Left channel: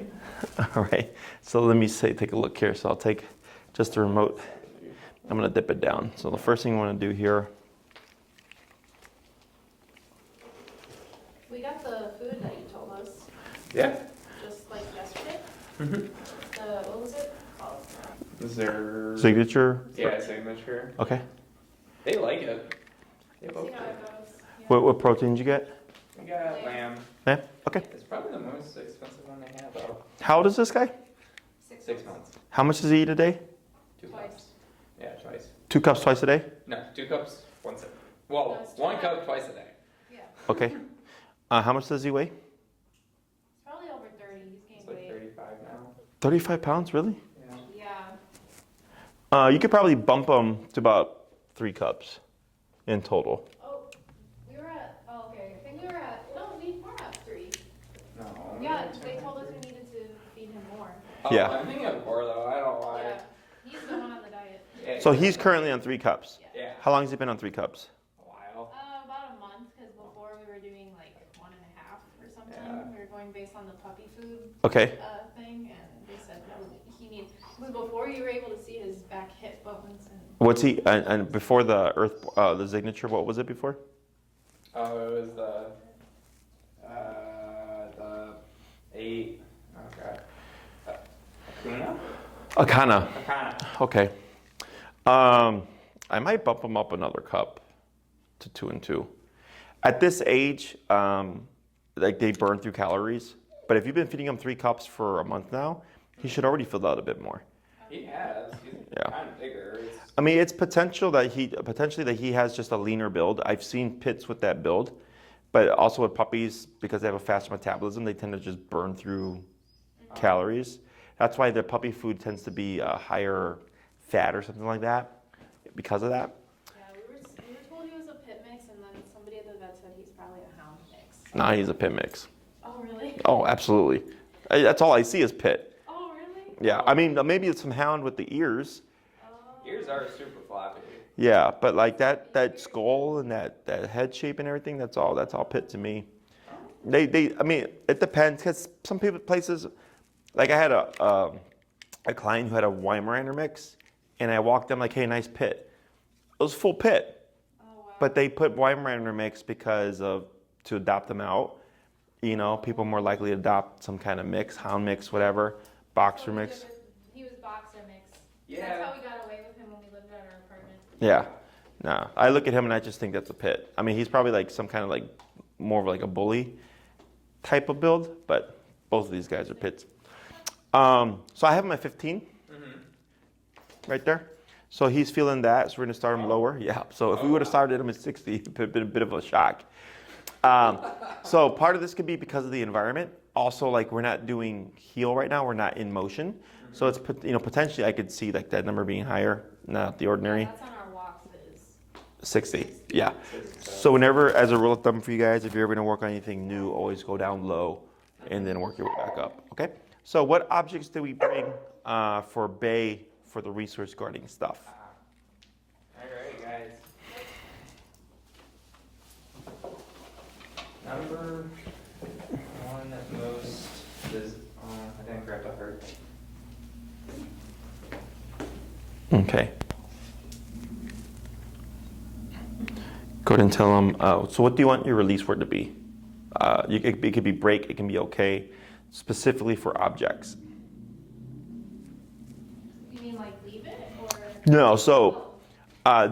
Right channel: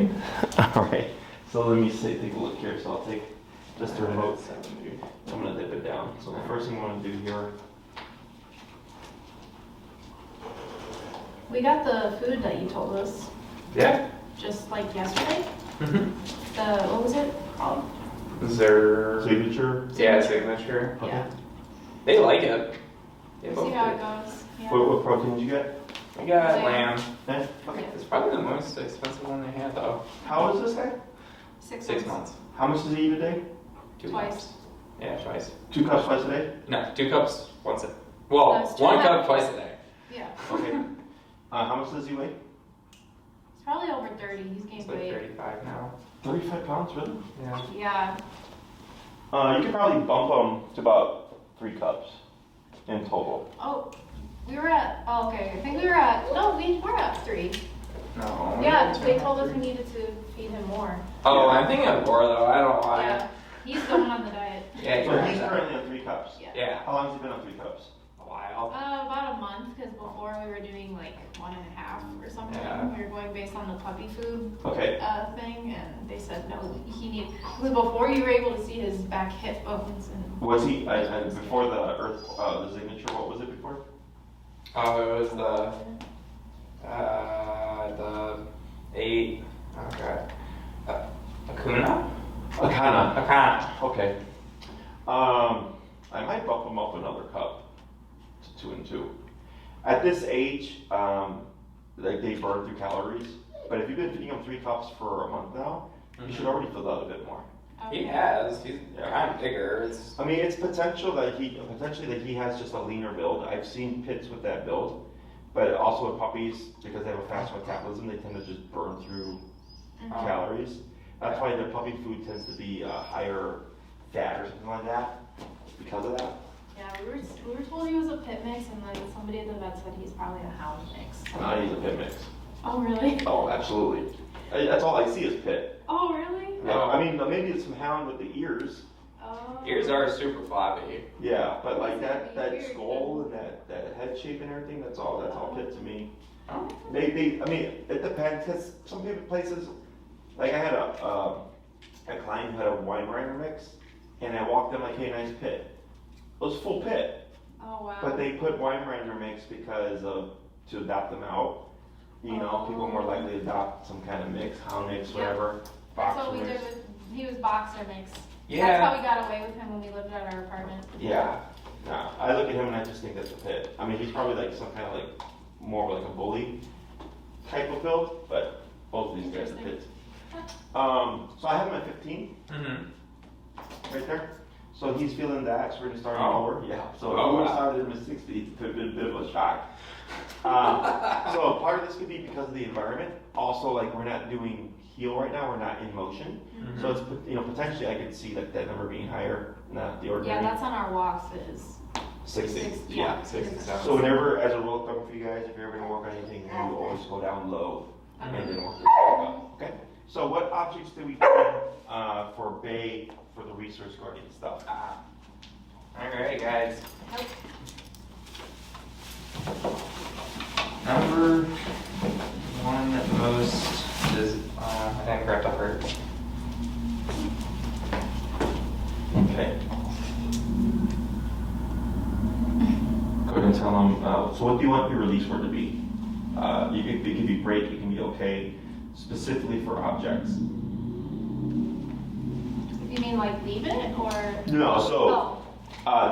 right? All right. So let me take a look here. So I'll take just the remote. I'm gonna dip it down. So the first thing I want to do here. We got the food that you told us Yeah. just like yesterday. Mm-hmm. What was it called? Their Signature. yeah, signature. Okay. Yeah. They like it. They See both how do. it goes. Yeah. What protein did you get? We got Lamb. lamb. Eh? Okay. It's probably the most expensive one they have though. How old is this guy? 6 6 months. months. How much does he eat a day? 2 Twice. cups. Yeah, twice. 2 cups twice a day? No, 2 cups once a. Well, No, it's 1 2.5 cup twice a day. Yeah. Okay. How much does he weigh? It's probably over 30. He's It's gained like weight. 35 now. 35 pounds, really? Yeah. Yeah. You could probably bump him to about 3 cups in total. Oh, we were at. Oh, okay. I think we were at. No, we were at 3. No. Yeah, they told us we needed to feed him more. Oh, Yeah. I'm thinking of Gordo. I don't know why. Yeah. He's going on the diet. Yeah. So he's currently on 3 cups. Yeah. Yeah. How long has he been on 3 cups? A while. About a month, because before we were doing like 1.5 or something. Yeah. We were going based on the puppy food Okay. thing, and they said no, he need. Because before you were able to see his back hip bones and. What's he, and before the the signature, what was it before? Oh, it was the 8. Okay. Akuna. Akana. Akana. Okay. I might bump him up another cup to 2 and 2. At this age, like they burn through calories. But if you've been feeding him 3 cups for a month now, he should already fill out a bit more. He has. He's Yeah. kind of bigger. It's, I mean, it's potentially that he has just a leaner build. I've seen pits with that build, but also with puppies, because they have a fast metabolism, they tend to just burn through calories. That's why the puppy food tends to be higher fat or something like that, because of that. Yeah, we were told he was a pit mix, and then somebody at the vet said he's probably a hound mix. Nah, he's a pit mix. Oh really? Oh, absolutely. That's all I see is pit. Oh really? Yeah, I mean, maybe it's some hound with the ears. Oh. ears are super floppy. Yeah, but like that skull and that head shape and everything, that's all pit to me. I mean, it depends, because some places, like I had a client who had a Weimaraner mix, and I walked in like, hey, nice pit. It was full pit. Oh wow. But they put Weimaraner mix to adopt them out. You know, people more likely adopt some kind of mix, hound mix, whatever, boxer mix. He was boxer mix. Yeah. That's how we got away with him when we lived at our apartment. Yeah. No, I look at him and I just think that's a pit. I mean, he's probably like some kind of like more of like a bully type of build, but both of these guys are pits. So I have him at 15, right there. So he's feeling that, so we're gonna start him lower. Yeah. So if we would have started him at 60, it would have been a bit of a shock. So part of this could be because of the environment. Also, like we're not doing heel right now; we're not in motion. So it's potentially I could see like that number being higher, not the ordinary. Yeah, that's on our walks is 60. Yeah. 67. So whenever, as a rule of thumb for you guys, if you're ever gonna work on anything new, always go down low and then work your way back up. Okay. So what objects do we need for Bay for the resource guarding stuff? All right, guys. Number 1 most is I didn't grab the heart. Okay. Go ahead and tell them. So what do you want your release word to be? It could be break. It can be okay. Specifically for objects. You mean like leave it or? No. So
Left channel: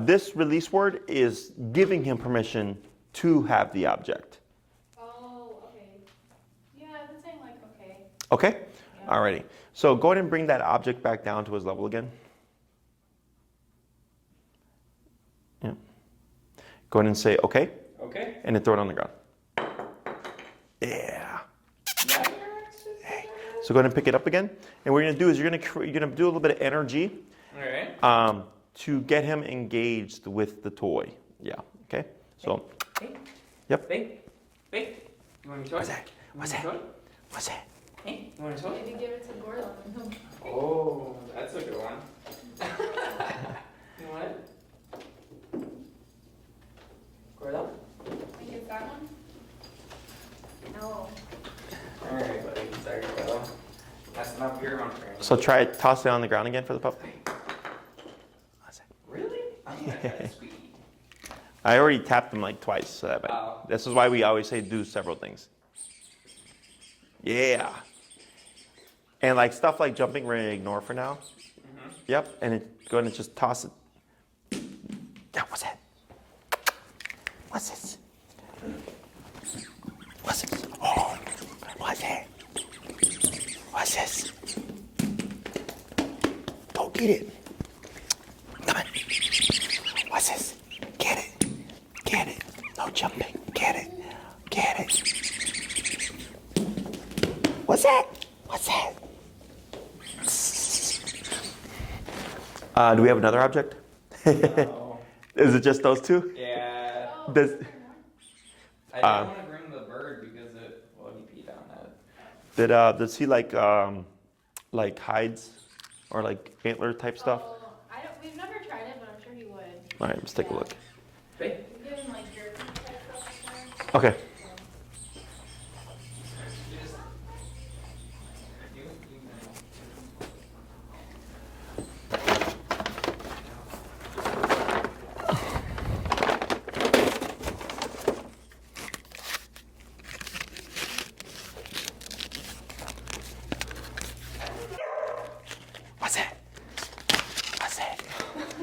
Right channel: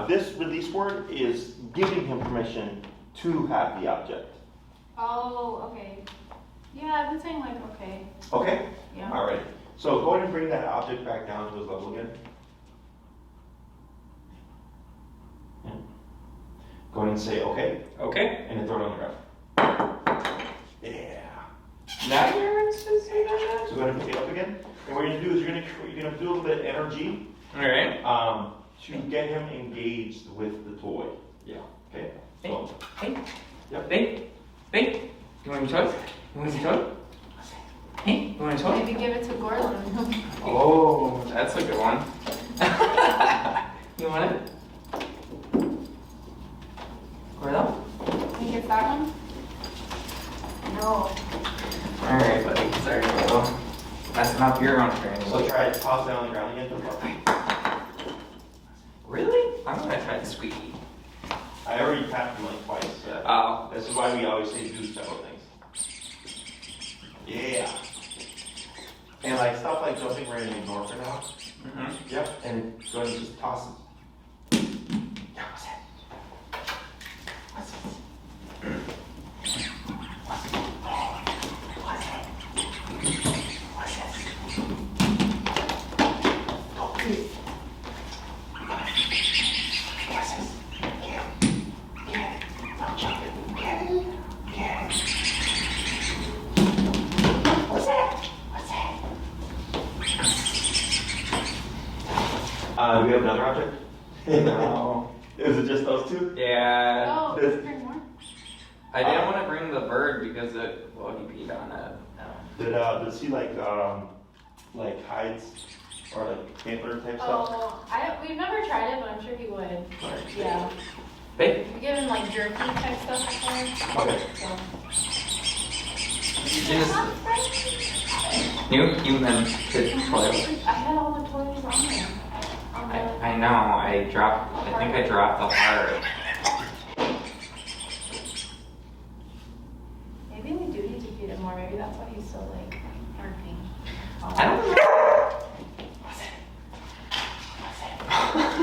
this release word is giving him permission to have the object. Oh, okay. Yeah, I've been saying like okay. Okay? Yeah. Alrighty. So go ahead and bring that object back down to his level again. Yeah. Go ahead and say okay. Okay. And then throw it on the ground. Yeah. Now you're So go ahead and pick it up again. And what you're gonna do is you're gonna do a little bit of energy All right. to get him engaged with the toy. Yeah. Okay. So. Hey. Yep. Hey. Hey. You want a toy? You want a toy? What's that? Hey. You want a toy? Maybe give it to Gordo. Oh, that's a good one. You want it? Gordo? Think it's that one? No. Alright, buddy. Sorry, Gordo. That's enough your own training. So try it, toss it on the ground again for the pup. Really? I'm gonna try the squeaky. I already tapped him like twice. So Oh. this is why we always say do several things. Yeah. And like stuff like jumping, we're gonna ignore for now. Mm-hmm. Yep. And then go ahead and just toss it. Yeah, what's that? What's this? What's it? Oh, what's that? What's this? Go get it. Come on. What's this? Get it. Get it. No jumping. Get it. Get it. What's that? What's that? Do we have another object? No. Is it just those two? Yeah. Oh, Does- is there more? I didn't want to bring the bird because he peed on it. Does he like hides or like antler type stuff? Oh, we've never tried it, but I'm sure he would. All right, stick Yeah. with Hey, We give him like jerky type stuff before. Okay. new human kid toilet. I had all the toys on there. I know, I think I dropped the heart. I think we did feed him already. That's why he's so like working. I don't know. What's that? What's that?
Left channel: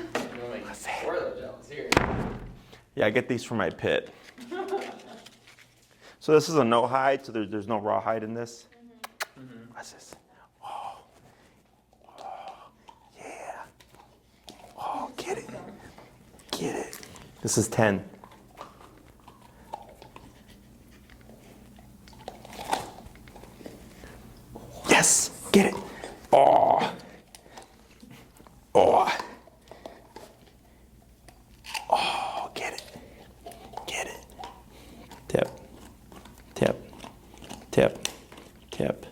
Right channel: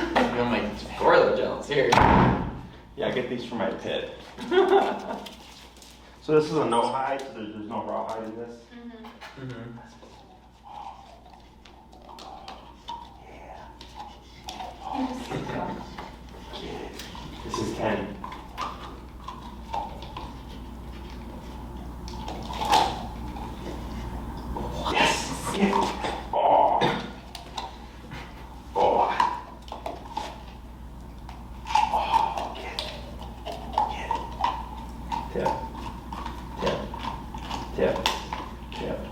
I'm like, Gordo gels here. Yeah, I get these from my pit. So this is a no hide, so there's no raw hide in this. Mm-hmm. What's this? Oh. Yeah. Oh, get it. Get it. This is 10. Yes, get it. Oh. Oh. Oh, get it. Get it. Tap. Tap. Tap. Tap.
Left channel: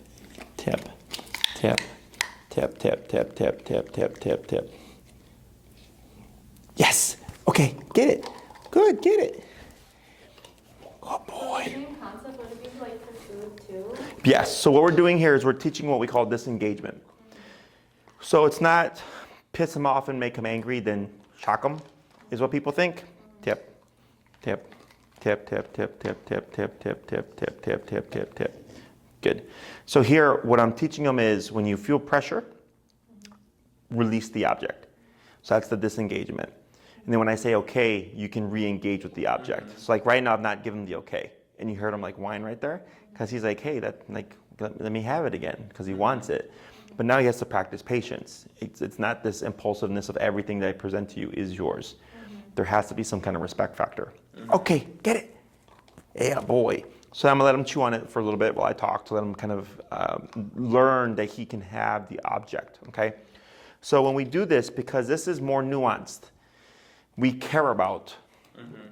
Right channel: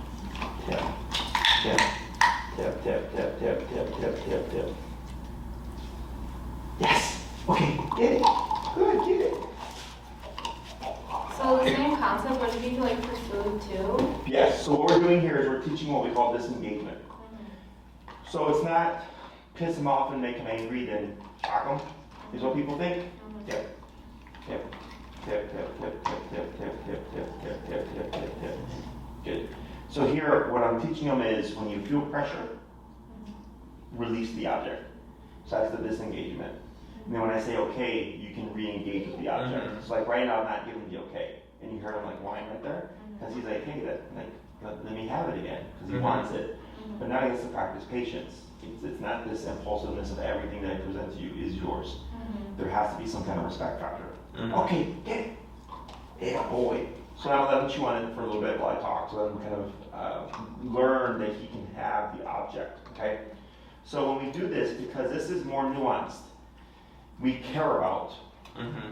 Tap. Tap. Tap, tap, tap, tap, tap, tap, tap, tap. Yes. Okay, get it. Good, get it. So the same concept, but if you like for food too. Yes, so what we're doing here is we're teaching what we call disengagement. So it's not piss them off and make them angry, then shock them, is what people think. Tap, tap, tap, tap, tap, tap, tap, tap, tap, tap, tap, tap, tap, tap, tap. Good. So here, what I'm teaching them is when you feel pressure, release the object. So that's the disengagement. And then when I say okay, you can re-engage with the object. Mhm. So like right now, I'm not giving the okay. And you heard him like whine right there? Because he's like, hey, let me have it again, because he wants it. But now he has to practice patience. It's not this impulsiveness of everything that I present to you is yours. There has to be some kind of respect factor. Mhm. Okay, get it. Yeah, boy. So I'm gonna let him chew on it for a little bit while I talk, to let him kind of learn that he can have the object, okay? So when we do this, because this is more nuanced, we care about Mm-hmm.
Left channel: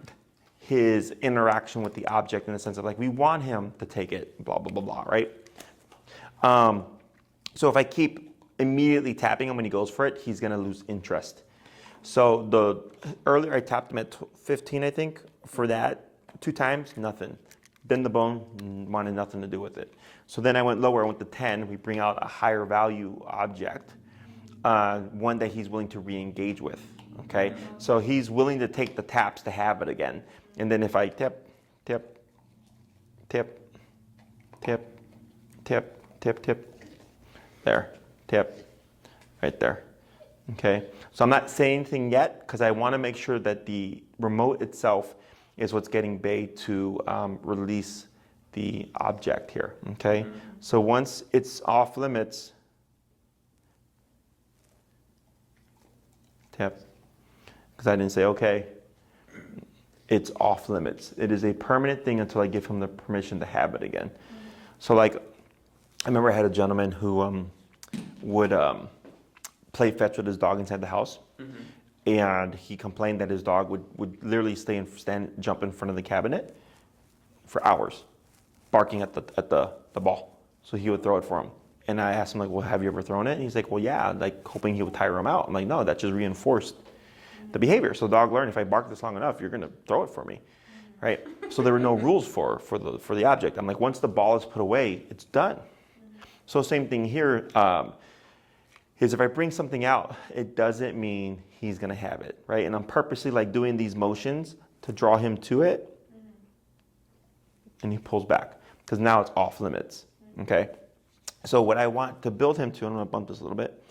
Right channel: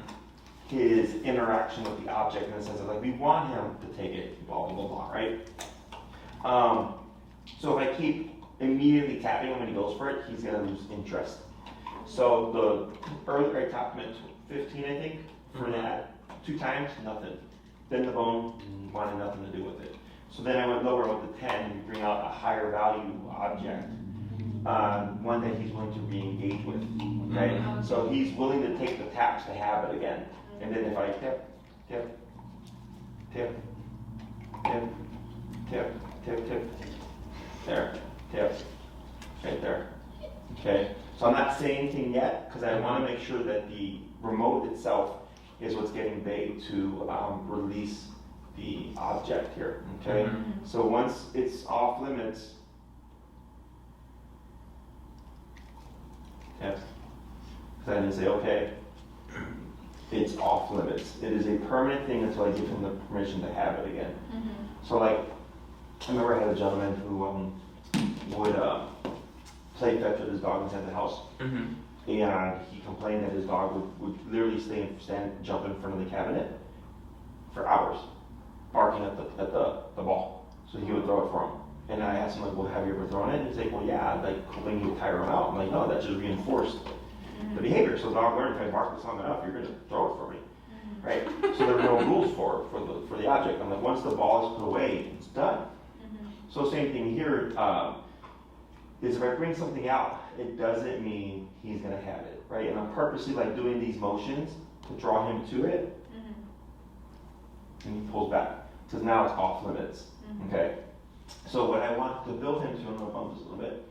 his interaction with the object in the sense of like, we want him to take it, blah, blah, blah, blah, right? So if I keep immediately tapping him when he goes for it, he's gonna lose interest. So earlier I tapped him at 15, I think, for that 2 times, nothing. Then the bone wanted nothing to do with it. So then I went lower, I went to 10, we bring out a higher value object, one that he's willing to re-engage with, okay? So he's willing to take the taps to have it again. And then if I tap, tap, tap, tap, tap, tap, tap, there, tap, right there, okay? So I'm not saying anything yet, because I want to make sure that the remote itself is what's getting Bay to release the object here, okay? Mhm. So once it's off limits, tap, because I didn't say okay, it's off limits. It is a permanent thing until I give him the permission to have it again. So like, I remember I had a gentleman who would play fetch with his dog inside the house. Mm-hmm. And he complained that his dog would literally jump in front of the cabinet for hours, barking at the ball. So he would throw it for him. And I asked him, like, well, have you ever thrown it? And he's like, well, yeah, like hoping he would tire him out. I'm like, no, that just reinforced the behavior. So the dog learned, if I bark this long enough, you're gonna throw it for me, right? So there were no rules for the object. I'm like, once the ball is put away, it's done. So same thing here, is if I bring something out, it doesn't mean he's gonna have it, right? And I'm purposely like doing these motions to draw him to it, and he pulls back, because now it's off limits, okay? So what I want to build him to, I'm gonna bump this a little bit,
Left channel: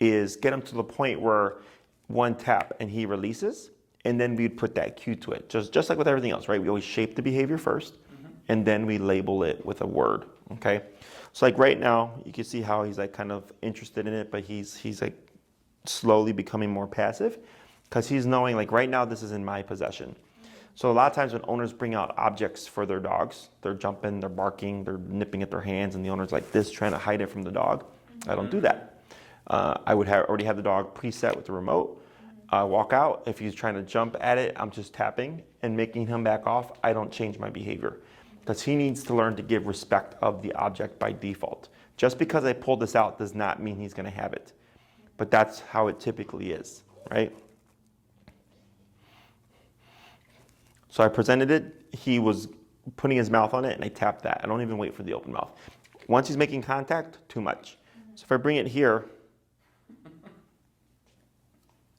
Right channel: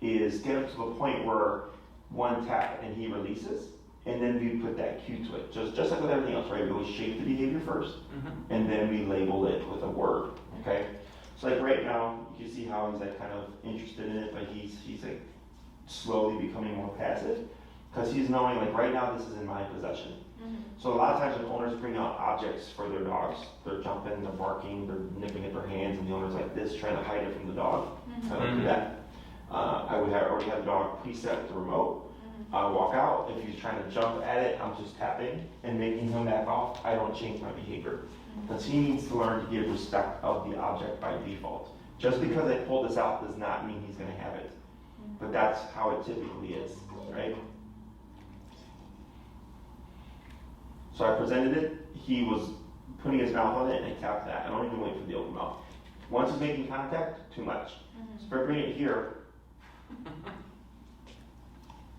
is get him to the point where one tap and he releases, and then we'd put that cue to it. Just like with everything else, right? We always shape the behavior first, and then we label it with a word, okay? So like right now, you can see how he's like kind of interested in it, but he's like slowly becoming more passive, because he's knowing like right now this is in my possession. So a lot of times when owners bring out objects for their dogs, they're jumping, they're barking, they're nipping at their hands, and the owner's like this, trying to hide it from the dog. I don't do that. I would already have the dog preset with the remote. Walk out. If he's trying to jump at it, I'm just tapping and making him back off. I don't change my behavior, because he needs to learn to give respect of the object by default. Just because I pull this out does not mean he's going to have it. But that's how it typically is, right? So I presented it, he was putting his mouth on it, and I tapped that. I don't even wait for the open mouth. Once he's making contact, too much. So if I bring it here,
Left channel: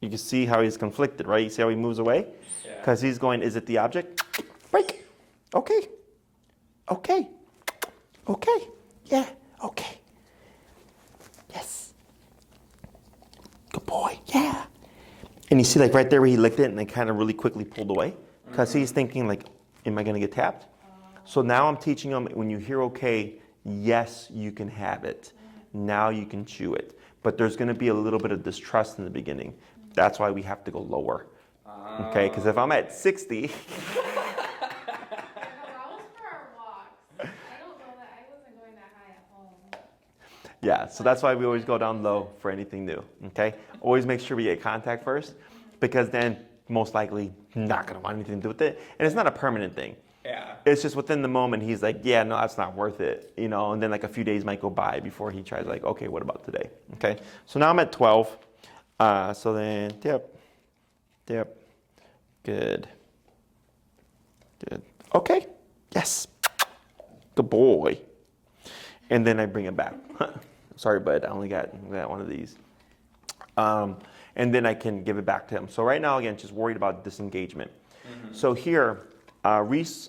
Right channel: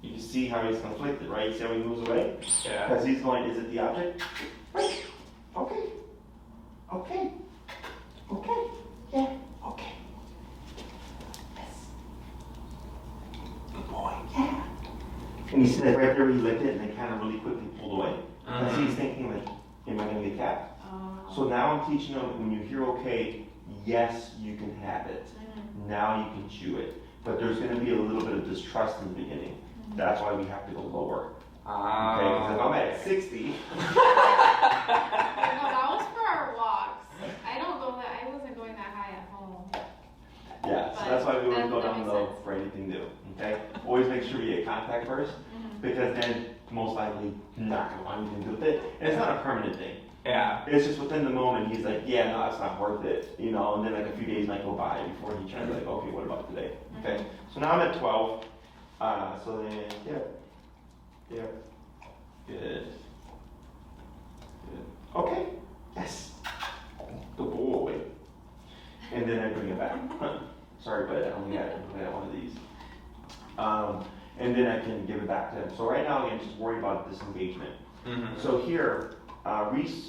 you can see how he's conflicted, right? You see how he moves away? Because he's going, is it the object? Right. Okay. Okay. Okay. Yeah. Okay. Yes. Good boy. Yeah. And you see like right there where he licked it and they kind of really quickly pulled away. Because he's thinking like, am I going to get tapped? So now I'm teaching him when you hear okay, yes, you can have it. Now you can chew it. But there's going to be a little bit of distrust in the beginning. That's why we have to go lower. Okay, because if I'm at 60. No, that was for our walks. I wasn't going that high at home. Yeah, so that's why we always go down low for anything new. Okay, always make sure we get contact first, because then most likely not going to want anything to do with it. And it's not a permanent thing. Yeah. It's just within the moment he's like, yeah, no, that's not worth it, you know. And then like a few days might go by before he tries like, okay, what about today? Okay, so now I'm at 12. So then, yep, good. Okay, yes, good boy. And then I bring it back. Sorry, bud, I only got one of these. And then I can give it back to him. So right now, again, just worried about disengagement. So here, the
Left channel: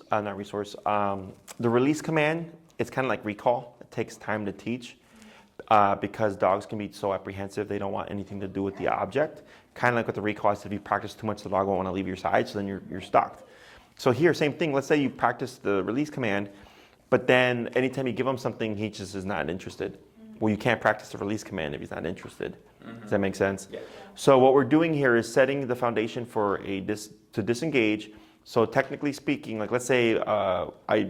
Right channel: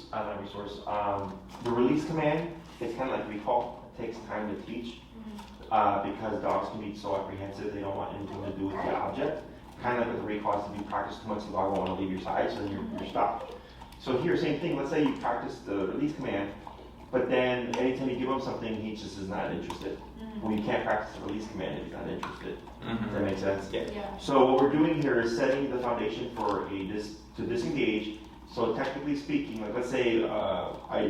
release command, it's kind of like recall. It takes time to teach. Because dogs can be so apprehensive, they don't want anything to do with the object. Kind of like with the recall, if you practice too much, the dog won't want to leave your side, so then you're stopped. So here, same thing. Let's say you practice the release command, but then anytime you give him something, he just is not interested. Well, you can't practice the release command if he's not interested. Does that make sense? Yeah. So what we're doing here is setting the foundation for to disengage. So technically speaking, like let's say I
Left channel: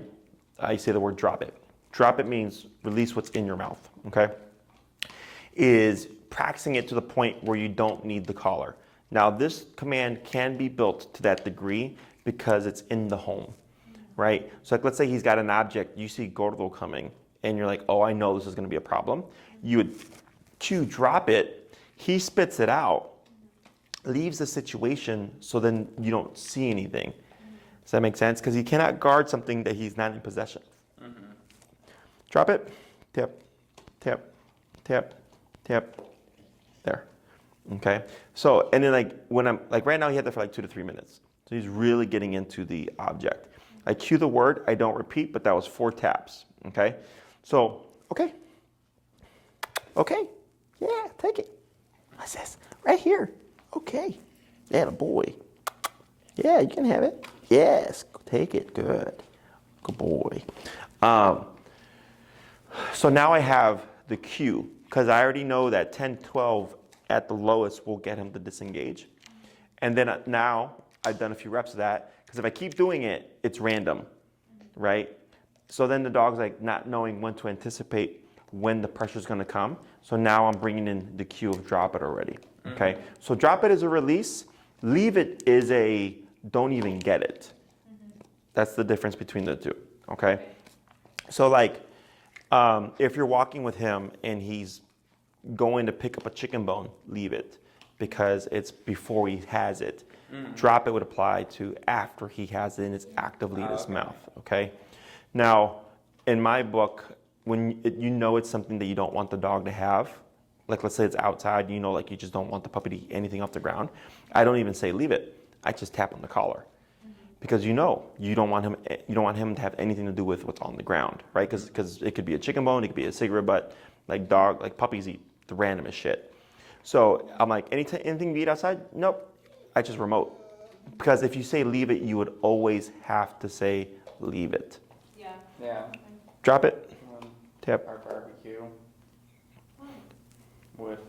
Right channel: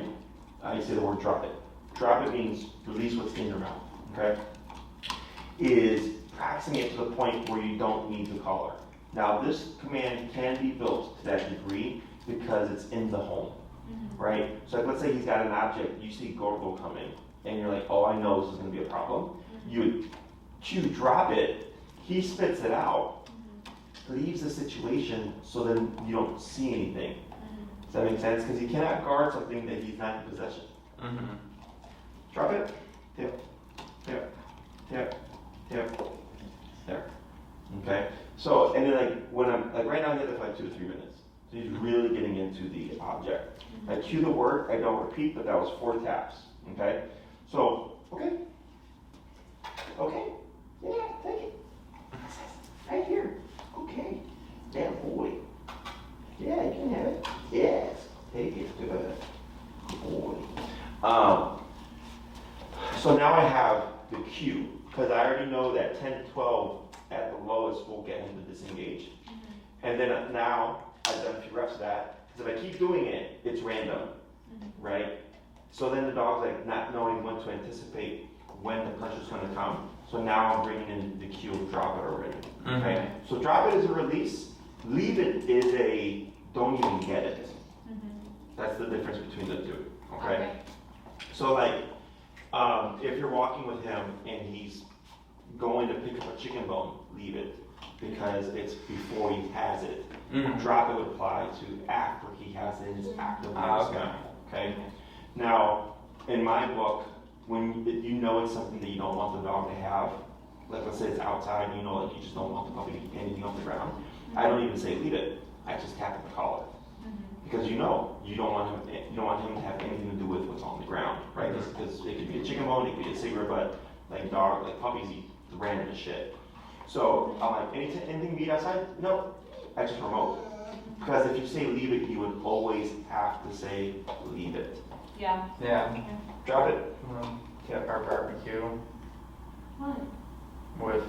say the word drop it. Drop it means release what's in your mouth. Okay, is practicing it to the point where you don't need the collar. Now this command can be built to that degree because it's in the home, right? So like let's say he's got an object, you see Gordo coming, and you're like, oh, I know this is going to be a problem. You would cue drop it, he spits it out, leaves the situation, so then you don't see anything. Does that make sense? Because he cannot guard something that he's not in possession. Drop it, tip. Tap, tap, tap, there. Okay. So, and then like when I'm like right now, he had that for like 2 to 3 minutes. So he's really getting into the object. I cue the word, I don't repeat, but that was 4 taps. Okay. So, okay. Okay. Yeah, take it. What's this? Right here. Okay. Yeah, boy. Yeah, you can have it. Yes. Take it. Good. Good boy. So now I have the cue, because I already know that 10, 12 at the lowest will get him to disengage. And then now I've done a few reps of that, because if I keep doing it, it's random, right? So then the dog's like not knowing when to anticipate when the pressure's going to come. So now I'm bringing in the cue of drop it already, okay? So drop it is a release, leave it is a don't even get it. That's the difference between the two, okay? So like, if you're walking with him and he's going to pick up a chicken bone, leave it, because it's before he has it. Drop it would apply to after he has it and is actively in his mouth. Okay. Now, in my book, you know it's something that you don't want the dog to have, like let's say it's outside, you know, like you just don't want the puppy to eat anything off the ground, I don't even say leave it. I just tap on the collar. Because you know you don't want him to have anything to do with what's on the ground, right? Because it could be a chicken bone, it could be a cigarette butt, like puppies eat the randomest shit. So I'm like, anything to eat outside? Nope. I just remote. Because if you say leave it, you would always have to say leave it. Yeah. Yeah. Drop it. Tap. Our barbecue with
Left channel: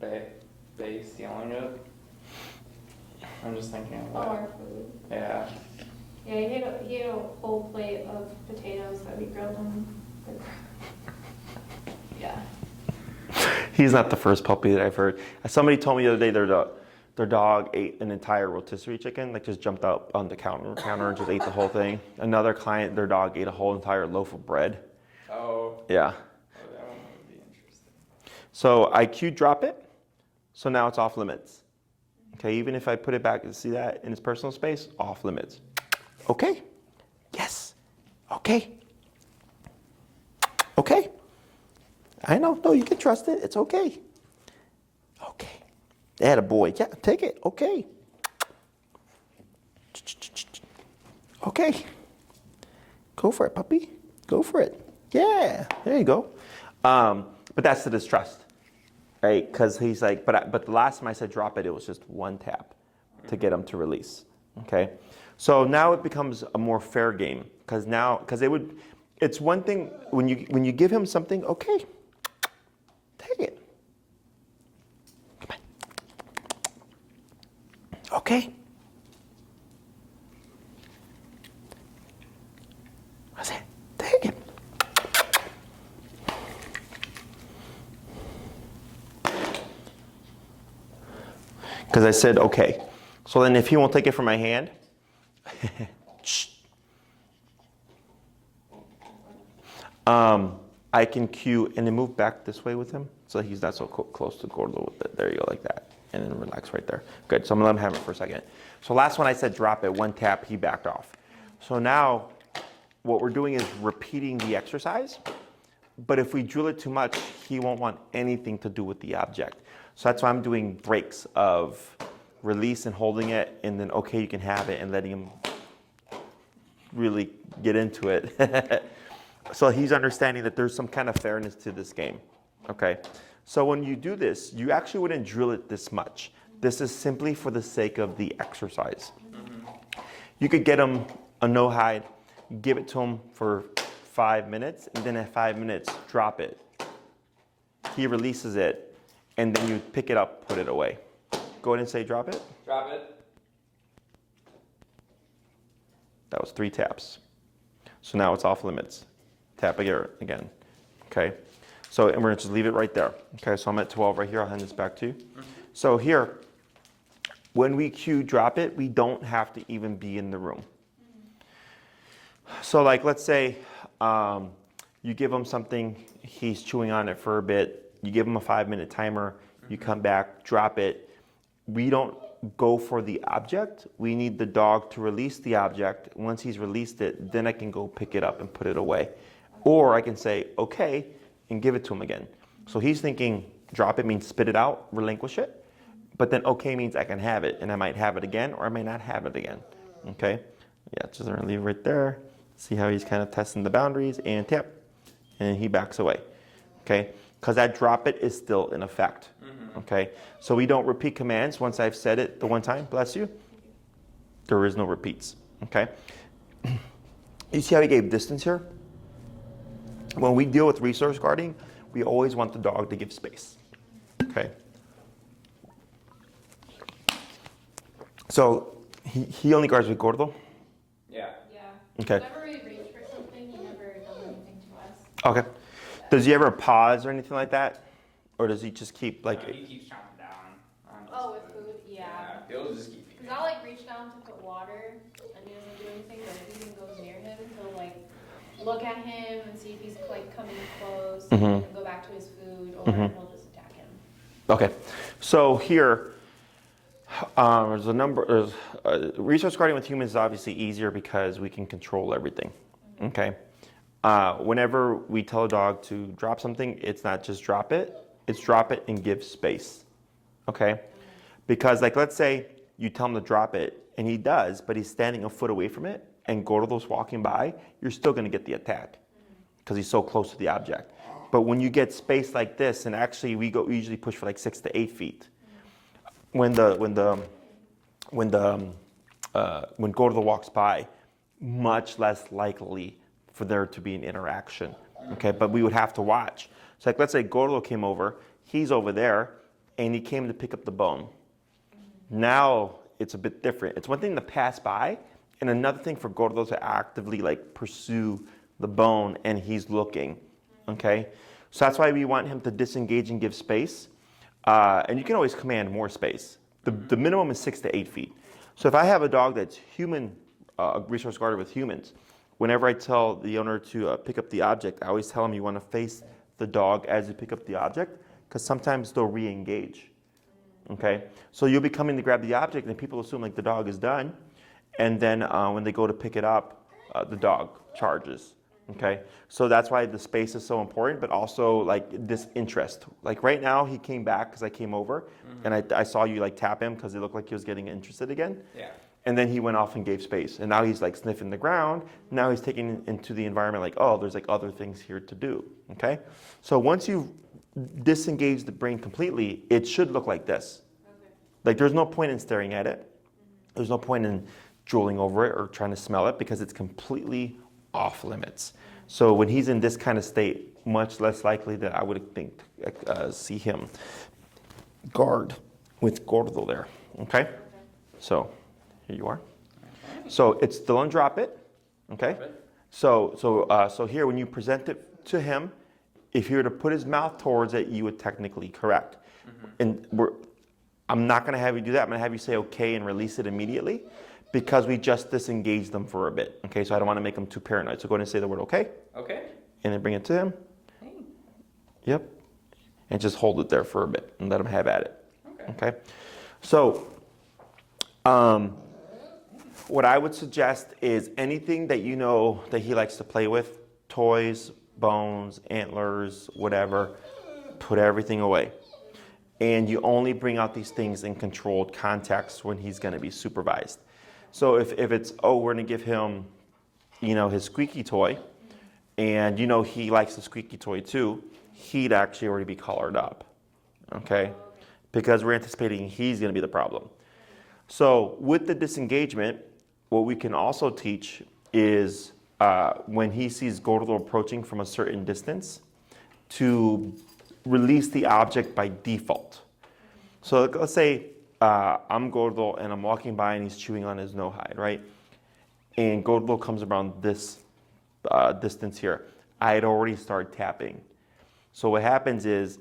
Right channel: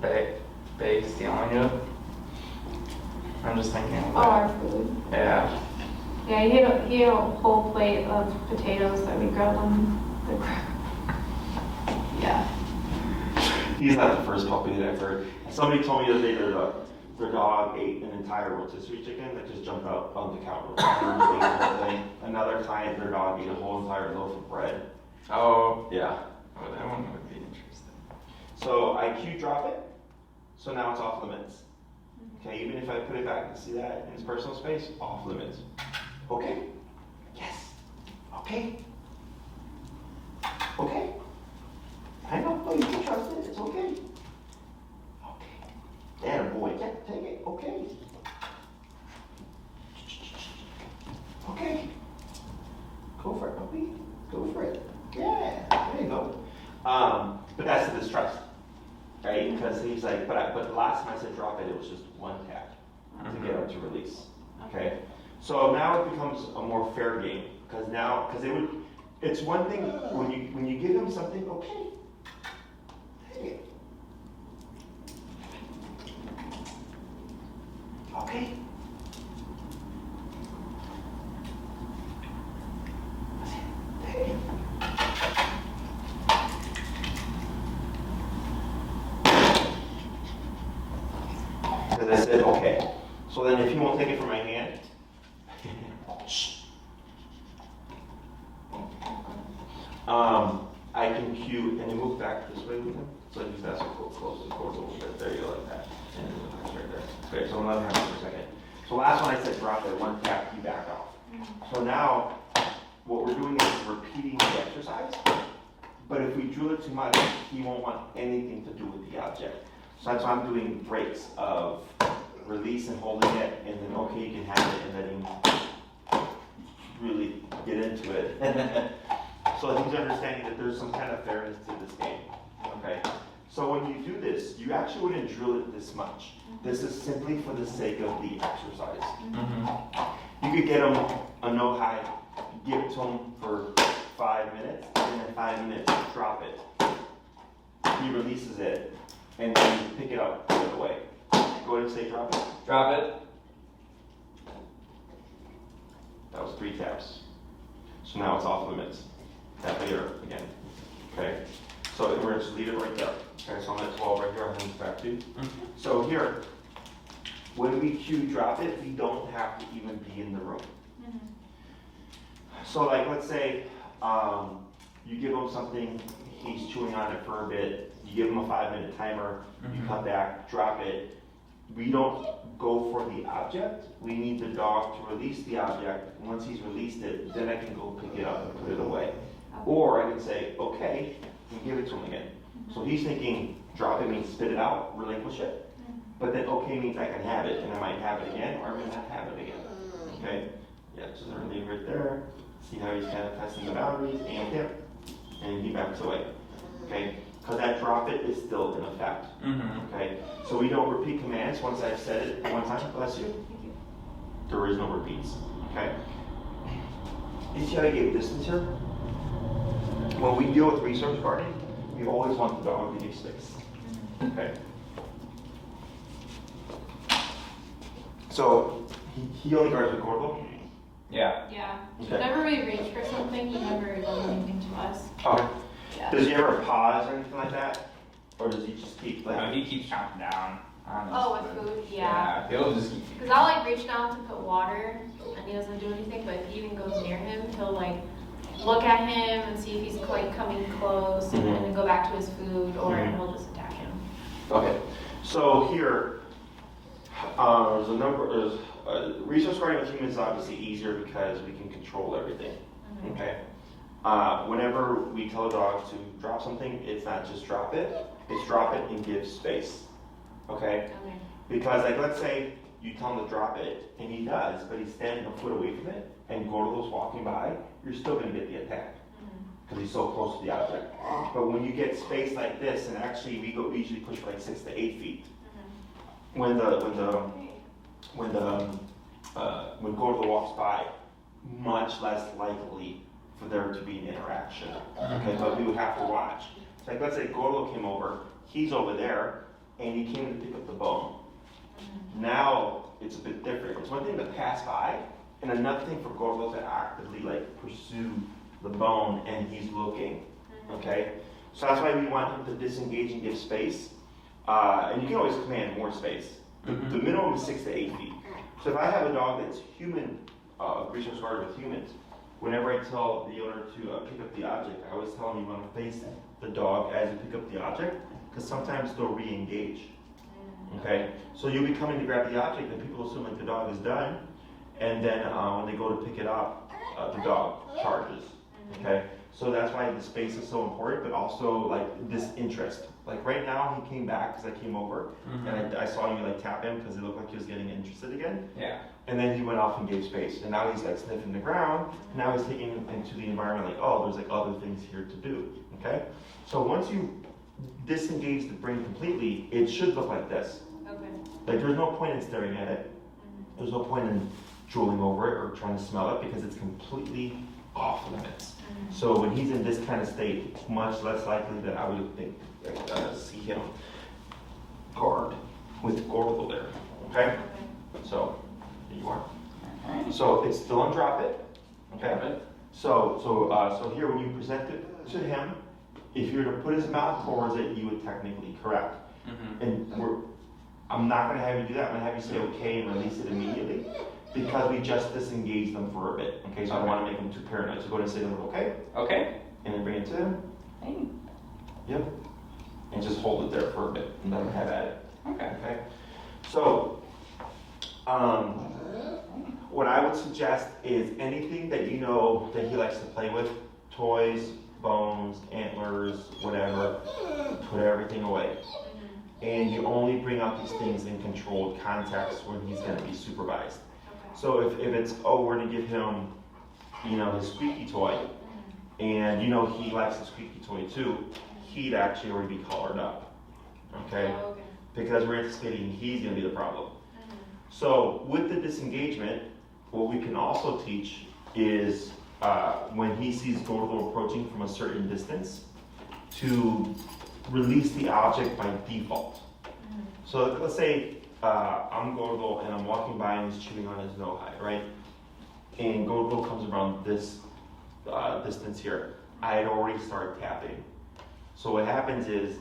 bake stealing it. I'm just thinking of Oh, our food. Yeah. Yeah, he ate a whole plate of potatoes that we grilled on the grill. Yeah. He's not the first puppy that I've heard. Somebody told me the other day their dog ate an entire rotisserie chicken, like just jumped out on the counter, just ate the whole thing. Another client, their dog ate a whole entire loaf of bread. Oh. Yeah. Oh, that one would be interesting. So I cue drop it, so now it's off limits. Okay, even if I put it back and see that in his personal space, off limits. Okay. Yes. Okay. Okay. I know. No, you can trust it. It's okay. Okay. Attaboy. Yeah, take it. Okay. Okay. Go for it, puppy. Go for it. Yeah. There you go. But that's the distrust. Right, because he's like, but the last time I said drop it, it was just one tap to get him to release. Okay, so now it becomes a more fair game because it's one thing when you give him something, okay, take it, okay. What's it? Take it. Because I said, okay. So then if he won't take it from my hand, I can cue and then move back this way with him. So he's not so close to Gordo. There you go, like that. And then relax right there. Good, so I'm gonna let him have it for a second. So last one I said drop it, one tap, he backed off. So now what we're doing is repeating the exercise. But if we drill it too much, he won't want anything to do with the object. So that's why I'm doing breaks of release and holding it, and then okay, you can have it, and letting him really get into it. So he's understanding that there's some kind of fairness to this game. Okay, so when you do this, you actually wouldn't drill it this much. This is simply for the sake of the exercise. You could get him a no hide, give it to him for 5 minutes, and then at 5 minutes, drop it. He releases it. And then you pick it up, put it away. Go ahead and say drop it. Drop it. That was 3 taps. So now it's off limits. Tap again. Okay. So and we're just leave it right there. Okay, so I'm at 12 right here. I'll hand this back to you. So here, when we cue drop it, we don't have to even be in the room. So like let's say you give him something, he's chewing on it for a bit. You give him a 5-minute timer, you come back, drop it. We don't go for the object. We need the dog to release the object. Once he's released it, then I can go pick it up and put it away. Or I can say, okay, and give it to him again. So he's thinking, drop it means spit it out, relinquish it. But then okay means I can have it, and I might have it again, or I may not have it again. Okay? Yeah, just gonna leave it right there. See how he's kind of testing the boundaries, and tap. And he backs away. Okay? Because that drop it is still in effect. Okay, so we don't repeat commands. Once I've said it the one time, bless you, there is no repeats. Okay, you see how he gave distance here? When we deal with resource guarding, we always want the dog to give space. Okay, so he only guards with Gordo. Yeah. Yeah. Okay. Whenever we reach for something, he never does anything to us. Okay. Yeah. Does he ever pause or anything like that? Or does he just keep like... No, he keeps chomping down on his Oh, with food? Yeah. he'll just keep. Because I'll like reach down to put water and he doesn't do anything, but if he even goes near him, he'll like look at him and see if he's like coming close and then go back to his food, or he'll just attack him. Okay, so here, resource guarding with humans is obviously easier because we can control everything. Okay, whenever we tell a dog to drop something, it's not just drop it, it's drop it and give space. Okay? Because like let's say you tell him to drop it and he does, but he's standing a foot away from it and Gordo's walking by, you're still gonna get the attack because he's so close to the object. But when you get space like this, and actually we usually push for like 6 to 8 feet. When Gordo walks by, much less likely for there to be an interaction. Okay, but we would have to watch. So like let's say Gordo came over, he's over there, and he came to pick up the bone. Now it's a bit different. It's one thing to pass by, and another thing for Gordo to actively like pursue the bone, and he's looking. Okay, so that's why we want him to disengage and give space. And you can always command more space. The minimum is 6 to 8 feet. So if I have a dog that's human, resource guarded with humans, whenever I tell the owner to pick up the object, I always tell him you want to face the dog as you pick up the object, because sometimes they'll re-engage. Okay, so you'll be coming to grab the object, and people assume like the dog is done, and then when they go to pick it up, the dog charges. Okay, so that's why the space is so important, but also like this interest. Like right now, he came back because I came over, and I saw you like tap him because it looked like he was getting interested again. Yeah. And then he went off and gave space, and now he's like sniffing the ground. Now he's taking into the environment like, oh, there's like other things here to do. Okay, so once you disengage the brain completely, it should look like this. Okay. Like there's no point in staring at it. There's no point in drooling over it or trying to smell it because it's completely off limits. So when he's in this kind of state, much less likely that I would think see him guard with Gordo there. Okay? So here you are. So it's still on drop it. Okay? So here when you present it to him, if you were to put his mouth towards it, you would technically correct. And I'm not going to have you do that. I'm going to have you say okay and release it immediately, because we just disengaged them for a bit. Okay, so I don't want to make them too paranoid. So go ahead and say the word okay. Okay. And then bring it to him. Yep. And just hold it there for a bit and let him have at it. Okay. So, what I would suggest is anything that you know that he likes to play with, toys, bones, antlers, whatever, put everything away. And you only bring out these things in controlled context when he's going to be supervised. So if it's, we're going to give him, his squeaky toy, and he likes the squeaky toy too, he'd actually already be collared up, okay? Because we're anticipating he's going to be the problem. So with the disengagement, what we can also teach is when he sees Gordo approaching from a certain distance, to release the object by default. So let's say I'm Gordo and I'm walking by and he's chewing on his no-hide, right? And Gordo comes around this distance here. I had already started tapping. So what happens is,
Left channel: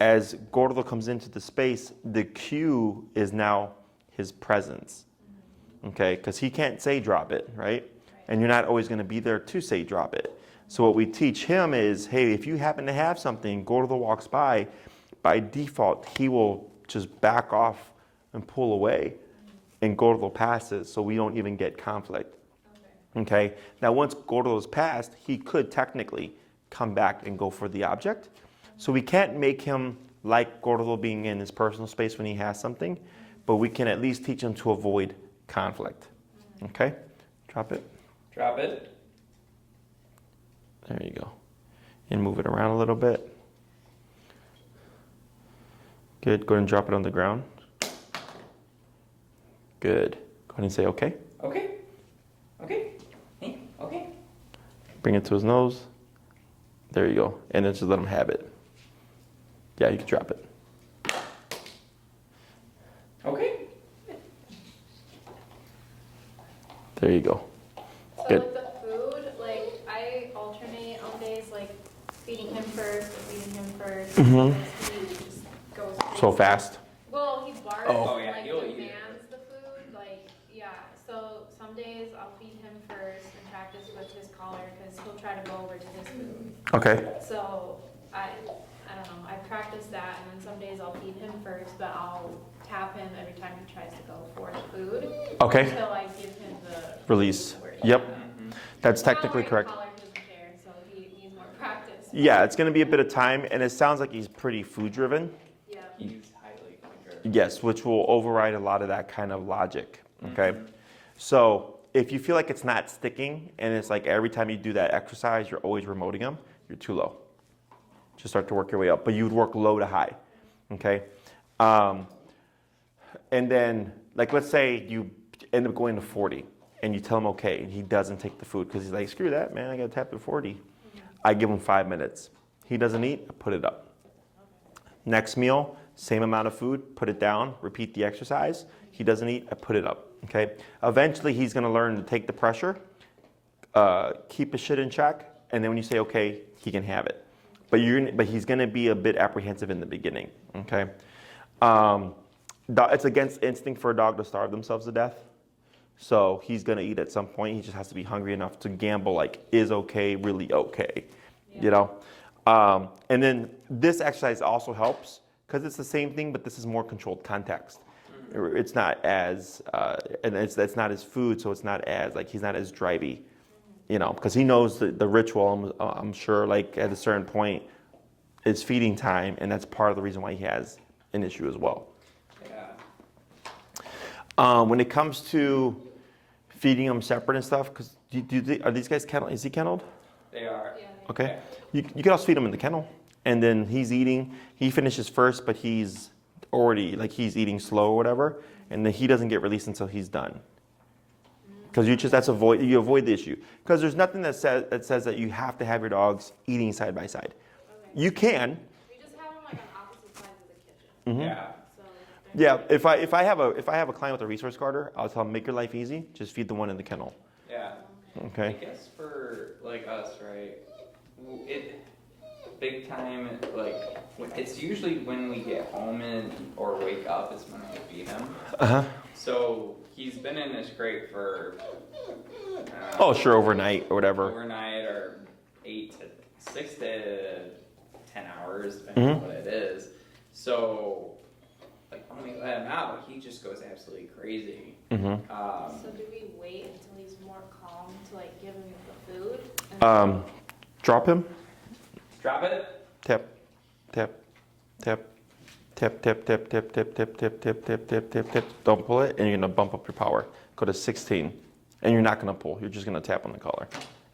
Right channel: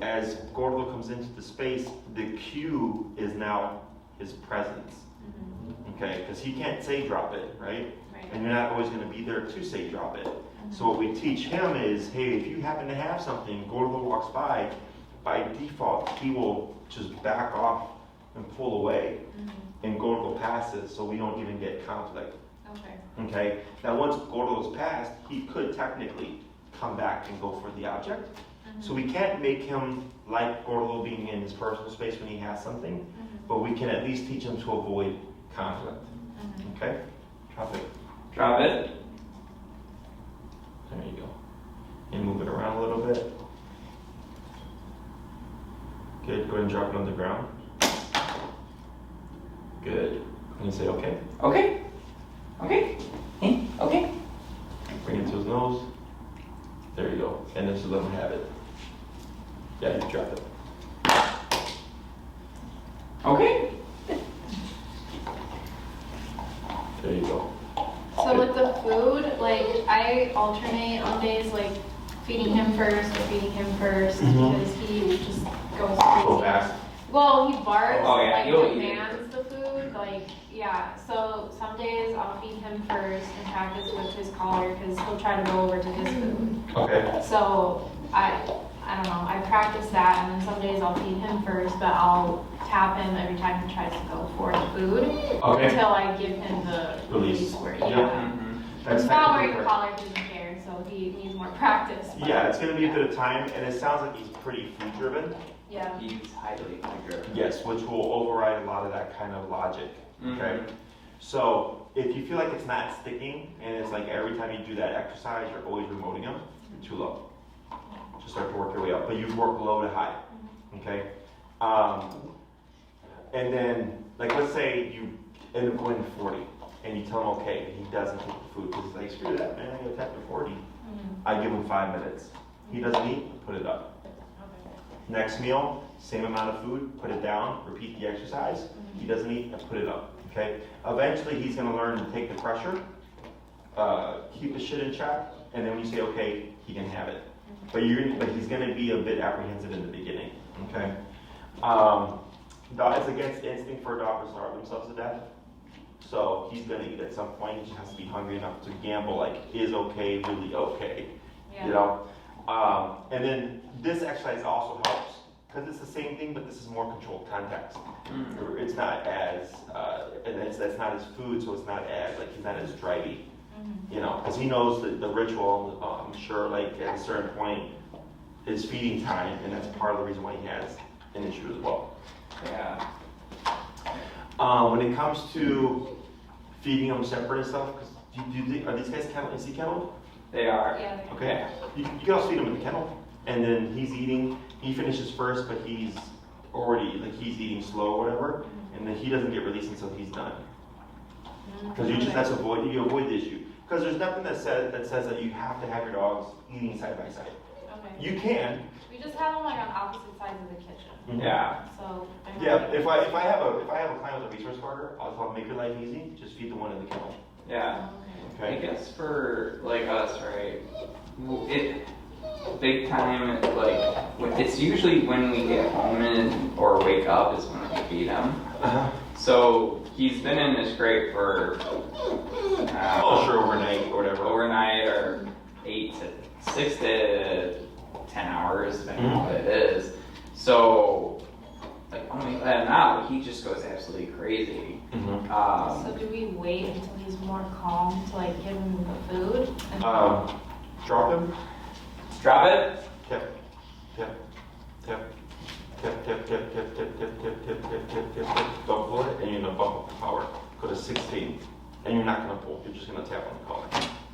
as Gordo comes into the space, the cue is now his presence. Okay, because he can't say drop it, right? And you're not always going to be there to say drop it. So what we teach him is, hey, if you happen to have something, Gordo walks by default, he will just back off and pull away, and Gordo passes, so we don't even get conflict. Okay. Now once Gordo is passed, he could technically come back and go for the object. So we can't make him like Gordo being in his personal space when he has something, but we can at least teach him to avoid conflict. Okay? Drop it. Drop it. There you go. And move it around a little bit. Good. Go ahead and drop it on the ground. Good. Go ahead and say okay. Okay. Okay. Okay. Bring it to his nose. There you go. And then just let him have it. Yeah, you can drop it. Okay. There you go. So Good. with the food, like I alternate on days like feeding him first or feeding him first, because he just goes So crazy. fast. Well, he barks, Oh, yeah, like he'll eat it. demands the food, like yeah. So some days I'll feed him first and practice with his collar because he'll try to go over to his food. Okay. So I don't know. I practice that, and then some days I'll feed him first, but I'll tap him every time he tries to go for the food. Okay. Until I give him the Release. where Yep. yeah. That's Now technically wearing correct. collar, he doesn't care. Yeah, it's going to be a bit of time, and it sounds like he's pretty food driven. Yeah. He's highly driven. Yes, which will override a lot of that kind of logic. Okay, so if you feel like it's not sticking, and it's like every time you do that exercise, you're always remoting him, you're too low. Just start to work your way up, but you would work low to high. Okay, and then like let's say you end up going to 40, and you tell him okay, and he doesn't take the food because he's like, screw that, man, I got to tap at 40. I give him 5 minutes. He doesn't eat, I put it up. Next meal, same amount of food, put it down, repeat the exercise. He doesn't eat, I put it up. Okay. Eventually, he's going to learn to take the pressure, keep his shit in check, and then when you say okay, he can have it. But he's going to be a bit apprehensive in the beginning. Okay. It's against instinct for a dog to starve themselves to death. So he's going to eat at some point. He just has to be hungry enough to gamble, like, is okay really okay? Yeah. You know? And then this exercise also helps because it's the same thing, but this is more controlled context. It's not as, and that's not his food, so it's not as, like, he's not as drivey, you know, because he knows the ritual, I'm sure, like, at a certain point, is feeding time, and that's part of the reason why he has an issue as well. Yeah. When it comes to feeding them separate and stuff, because are these guys kenneled? Is he kenneled? They are. Yeah. Okay. Yeah. You can also feed him in the kennel, and then he's eating. He finishes first, but he's already he's eating slow or whatever, and then he doesn't get released until he's done. Because you avoid the issue. Because there's nothing that says that you have to have your dogs eating side by side. Okay. You can. We just have them like on opposite sides of the kitchen. Mhm. Yeah. So. Yeah. If I have a client with a resource guarder, I'll tell him make your life easy. Just feed the one in the kennel. Yeah. Okay. I guess for like us, right? Big time, like it's usually when we get home or wake up is when we feed him. So he's been in this crate for overnight or whatever. Overnight or 6 to 10 hours, depending on what it is. So like when we let him out, he just goes absolutely crazy. So do we wait until he's more calm to like give him the food? Drop him. Drop it. Tap, tap, tap, tap, tap, tap, tap, tap, tap, tap, tap, tap, tap, tap, tap. Don't pull it, and you're gonna bump up your power. Go to 16, and you're not gonna pull. You're just gonna tap on the collar.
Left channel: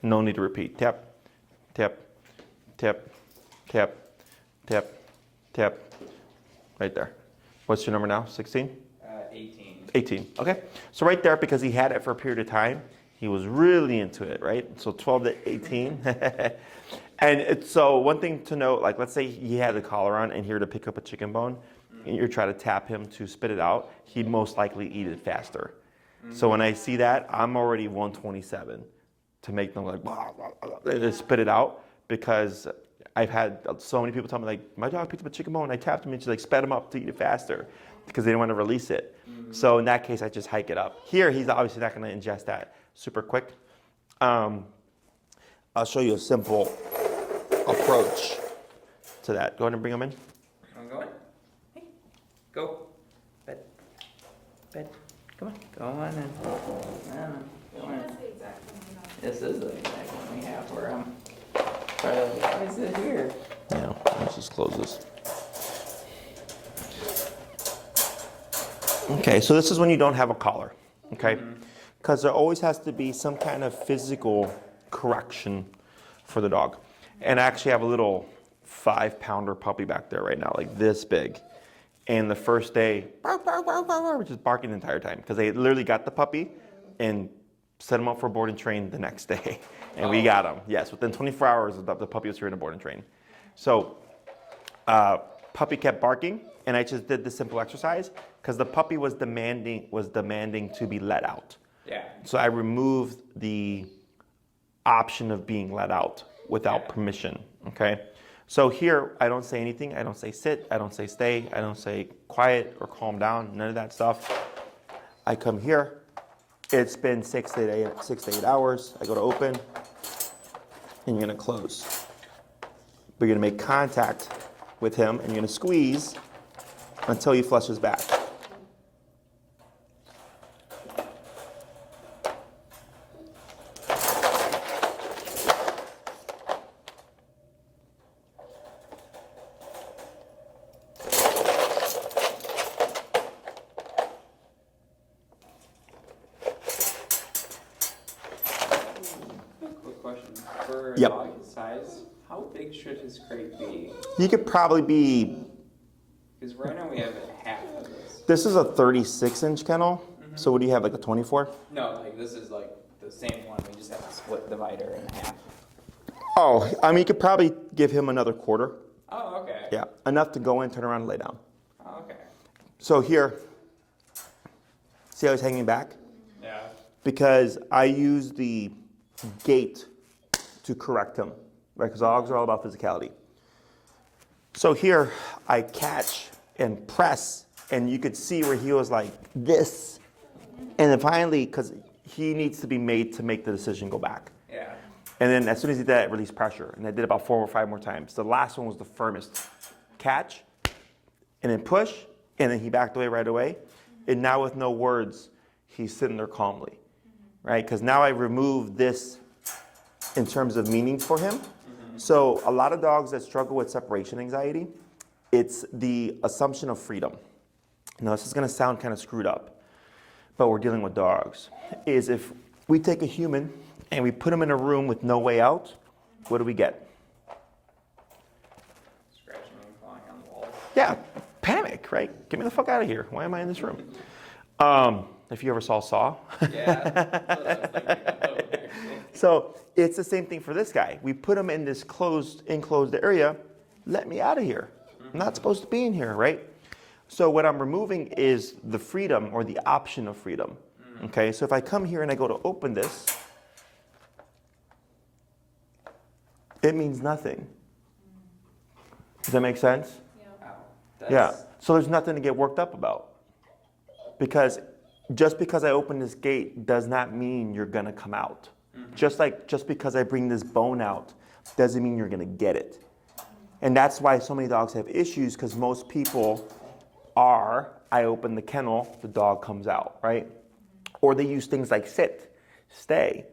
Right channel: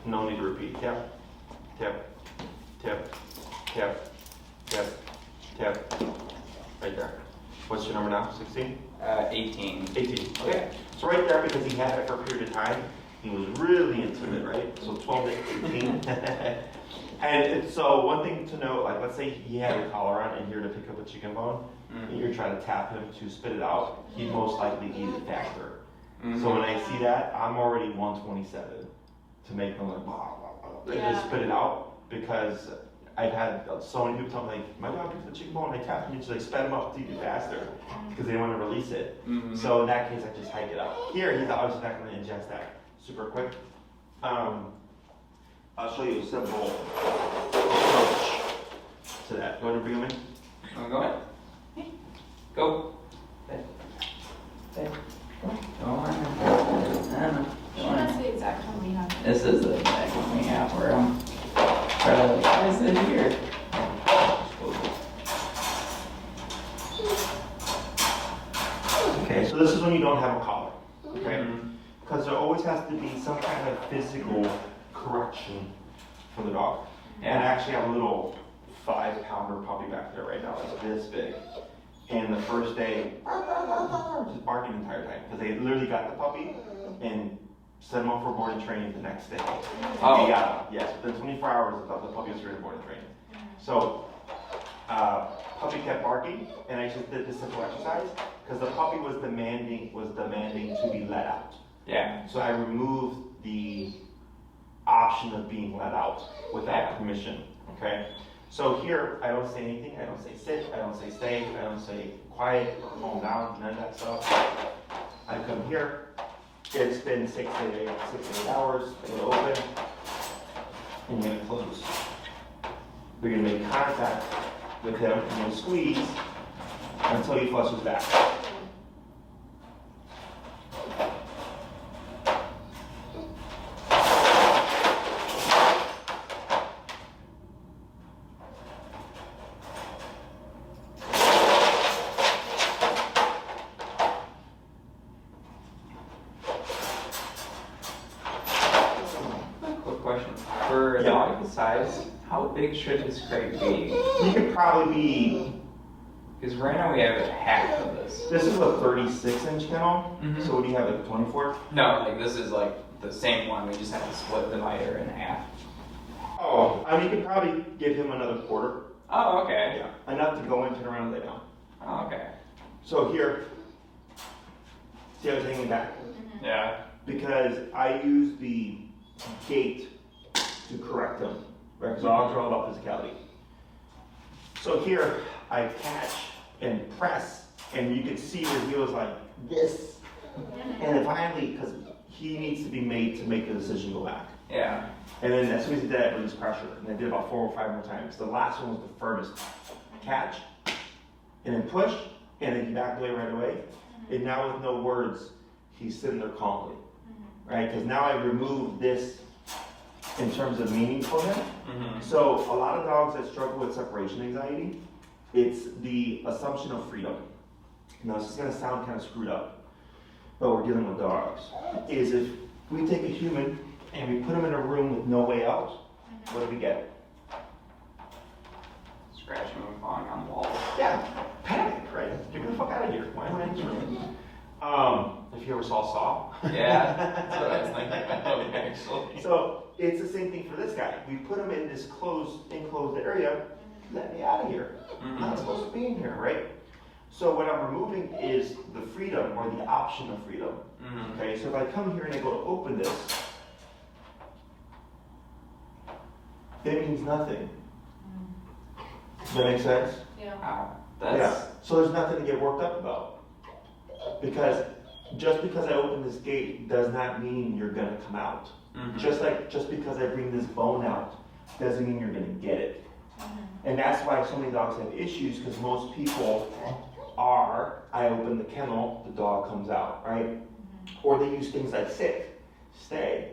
No need to repeat. Tap, tap, tap, tap, tap, tap. Right there. What's your number now? 16? 18. 18. Okay. So right there, because he had it for a period of time, he was really into it, right? So 12 to 18. And so one thing to note, like let's say he had the collar on and here to pick up a chicken bone, and you're trying to tap him to spit it out, he'd most likely eat it faster. So when I see that, I'm already 127 to make them like, blah, blah, blah, just spit it out, because I've had so many people tell me, like, my dog picked up a chicken bone, I tapped him and just like sped him up to eat it faster because they didn't want to release it. So in that case, I just hike it up. Here, he's obviously not going to ingest that super quick. I'll show you a simple approach to that. Go ahead and bring him in. I'm going. Go. Bed. Bed. Go on. That's the exact time we have. This is the exact one we have where I'm trying to sit here. Let's just close this. Okay, so this is when you don't have a collar, okay? Because there always has to be some kind of physical correction for the dog. And I actually have a little 5-pounder puppy back there right now, like this big. And the first day, just barking the entire time because they literally got the puppy and set him up for board and train the next day. And we got him. Yes, within 24 hours, the puppy was here to board and train. So, puppy kept barking, and I just did this simple exercise because the puppy was demanding to be let out. Yeah. So I removed the option of being let out without permission. Okay. So here, I don't say anything. I don't say sit. I don't say stay. I don't say quiet or calm down. None of that stuff. I come here. It's been 6 to 8 hours. I go to open, and you're gonna close. But you're gonna make contact with him, and you're gonna squeeze until he flushes back. For a Yep. dog his size, how big should his crate be? He could probably be. Because right now we have half of this. This is a 36-inch kennel. Mhm. So what do you have, like a 24? No, like this is like the same one. We just have to split the divider in half. Oh, I mean, you could probably give him another quarter. Oh, okay. Yeah, enough to go in, turn around, and lay down. Oh, okay. So here, see how he's hanging back? Yeah. Because I use the gait to correct him, right? Because all about physicality. So here, I catch and press, and you could see where he was like this. And then finally, because he needs to be made to make the decision go back. Yeah. And then as soon as he did that, release pressure. And I did about 4 or 5 more times. The last one was the firmest. Catch, and then push, and then he backed away right away. And now with no words, he's sitting there calmly, right? Because now I removed this in terms of meaning for him. Mm-hmm. So a lot of dogs that struggle with separation anxiety, it's the assumption of freedom. Now this is gonna sound kind of screwed up, but we're dealing with dogs. Is if we take a human and we put him in a room with no way out, what do we get? Scratching and clawing on the wall. Yeah, panic, right? Get me the fuck out of here. Why am I in this room? If you ever saw Saw. Yeah. That's what I was thinking about, actually. So it's the same thing for this guy. We put him in this enclosed area. Let me out of here. I'm not supposed to be in here, right? So what I'm removing is the freedom or the option of freedom. Okay, so if I come here and I go to open this, it means nothing. Does that make sense? Yeah. Wow. Yeah. So there's nothing to get worked up about. Because just because I open this gate does not mean you're gonna come out. Mm-hmm. Just because I bring this bone out doesn't mean you're gonna get it. And that's why so many dogs have issues, because most people are, I open the kennel, the dog comes out, right? Or they use things like sit, stay.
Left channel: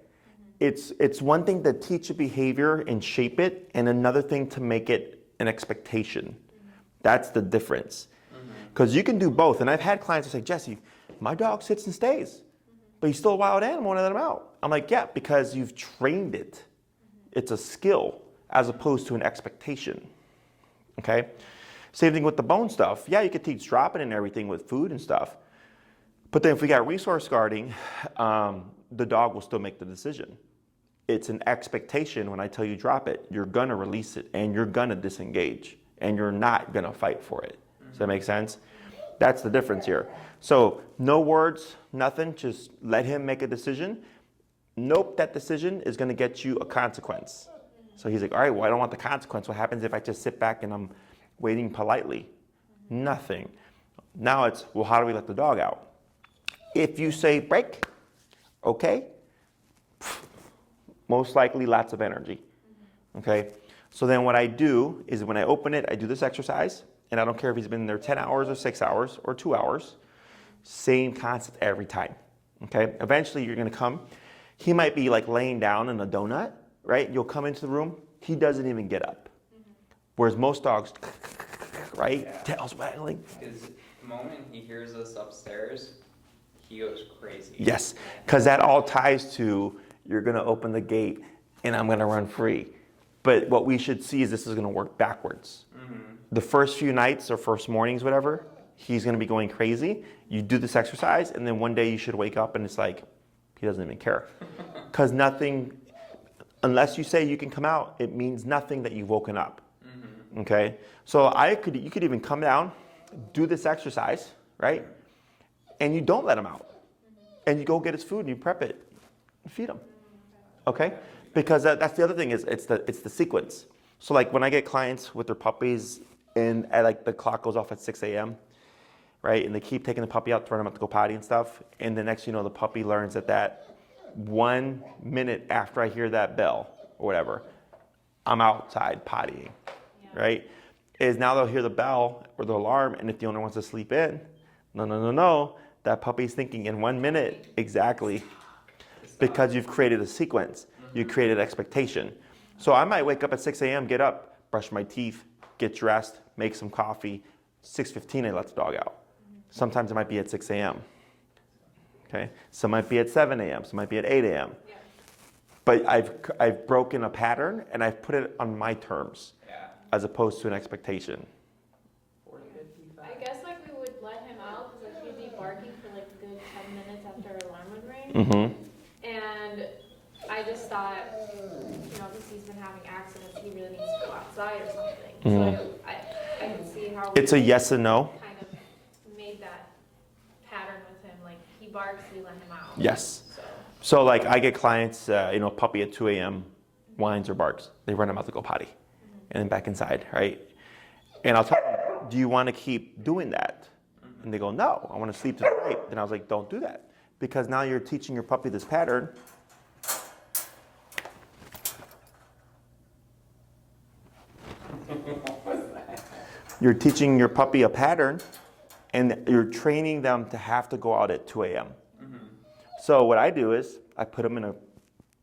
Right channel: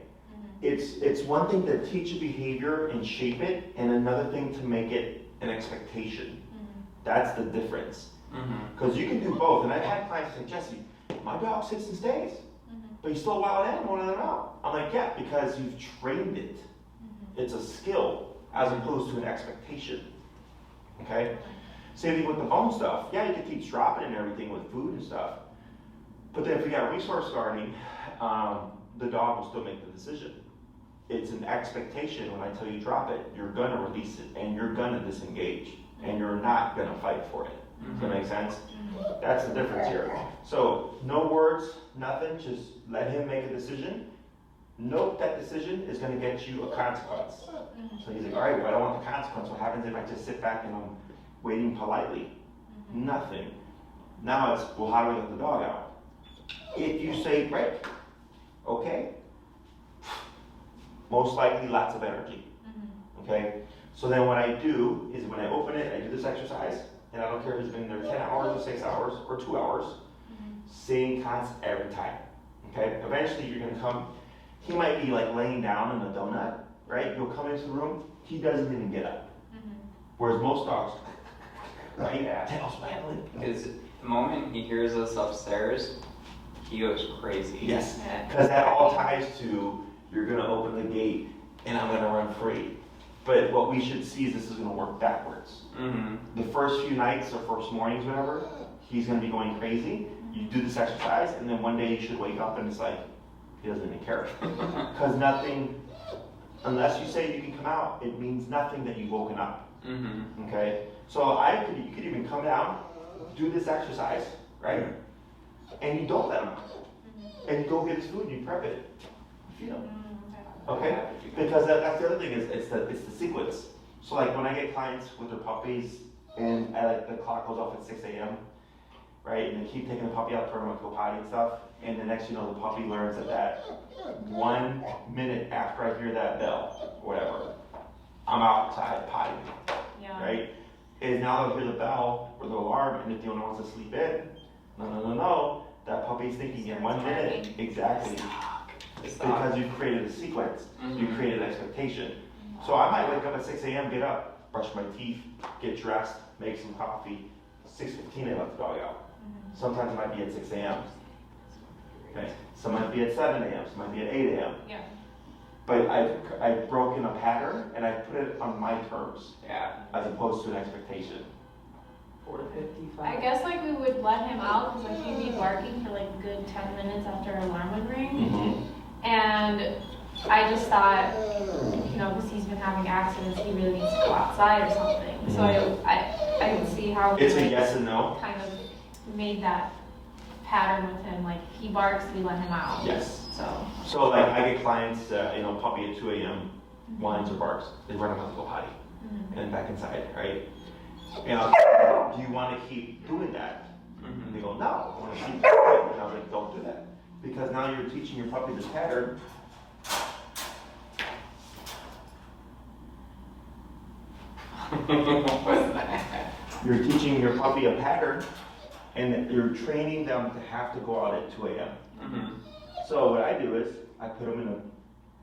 It's one thing to teach a behavior and shape it, and another thing to make it an expectation. That's the difference. Because you can do both. And I've had clients who say, Jesse, my dog sits and stays, but he's still a wild animal and I let him out. I'm like, yeah, because you've trained it. It's a skill as opposed to an expectation. Okay? Same thing with the bone stuff. Yeah, you could teach dropping and everything with food and stuff. But then if we got resource guarding, the dog will still make the decision. It's an expectation when I tell you drop it, you're gonna release it and you're gonna disengage and you're not gonna fight for it. Does that make sense? That's the difference here. So no words, nothing, just let him make a decision. Nope, that decision is gonna get you a consequence. So he's like, all right, well, I don't want the consequence. What happens if I just sit back and I'm waiting politely? Nothing. Now it's, well, how do we let the dog out? If you say break, okay, most likely lots of energy. Okay, so then what I do is when I open it, I do this exercise, and I don't care if he's been in there 10 hours or 6 hours or 2 hours, same concept every time. Okay, eventually you're gonna come, he might be like laying down in a donut, right? You'll come into the room, he doesn't even get up. Whereas most dogs, right? Yeah. Tails waggling. Is the moment he hears us upstairs, he goes crazy. Yes, because that all ties to you're gonna open the gate and I'm gonna run free. But what we should see is this is gonna work backwards. The first few nights or first mornings, whatever, he's gonna be going crazy. You do this exercise and then one day you should wake up and it's like, he doesn't even care. Because nothing, unless you say you can come out, it means nothing that you've woken up. Okay? So you could even come down, do this exercise, right? And you don't let him out. And you go get his food and you prep it. And feed him. Okay? Because that's the other thing is it's the sequence. So like when I get clients with their puppies and the clock goes off at 6 a.m., right? And they keep taking the puppy out, turning him up to go potty and stuff. And the next you know, the puppy learns that 1 minute after I hear that bell or whatever, I'm outside pottying, right? Is now they'll hear the bell or the alarm, and if the owner wants to sleep in, no, that puppy's thinking in 1 minute, exactly. Because you've created a sequence, you created expectation. So I might wake up at 6 a.m., get up, brush my teeth, get dressed, make some coffee. 6:15, I let the dog out. Sometimes it might be at 6 a.m. Okay, some might be at 7 a.m., some might be at 8 a.m. Yeah. But I've broken a pattern and I've put it on my terms Yeah. as opposed to an expectation. 4 to 55. I guess like we would let him out because like he'd be barking for like a good 10 minutes after an alarm would ring. Mm-hmm. And I just thought, you know, because he's been having accidents, he really needs to go outside or something. Mm-hmm. So I can see how It's a we yes and no. kind of made that pattern with him. Like he barks, we let him out. Yes. So like I get clients, puppy at 2 a.m. whines or barks. They run him out to go potty and then back inside, right? And I'll tell them, do you want to keep doing that? And they go, no, I want to sleep through the night. And I was like, don't do that. Because now you're teaching your puppy this pattern. You're teaching your puppy a pattern and you're training them to have to go out at 2 a.m. So what I do is I put them in a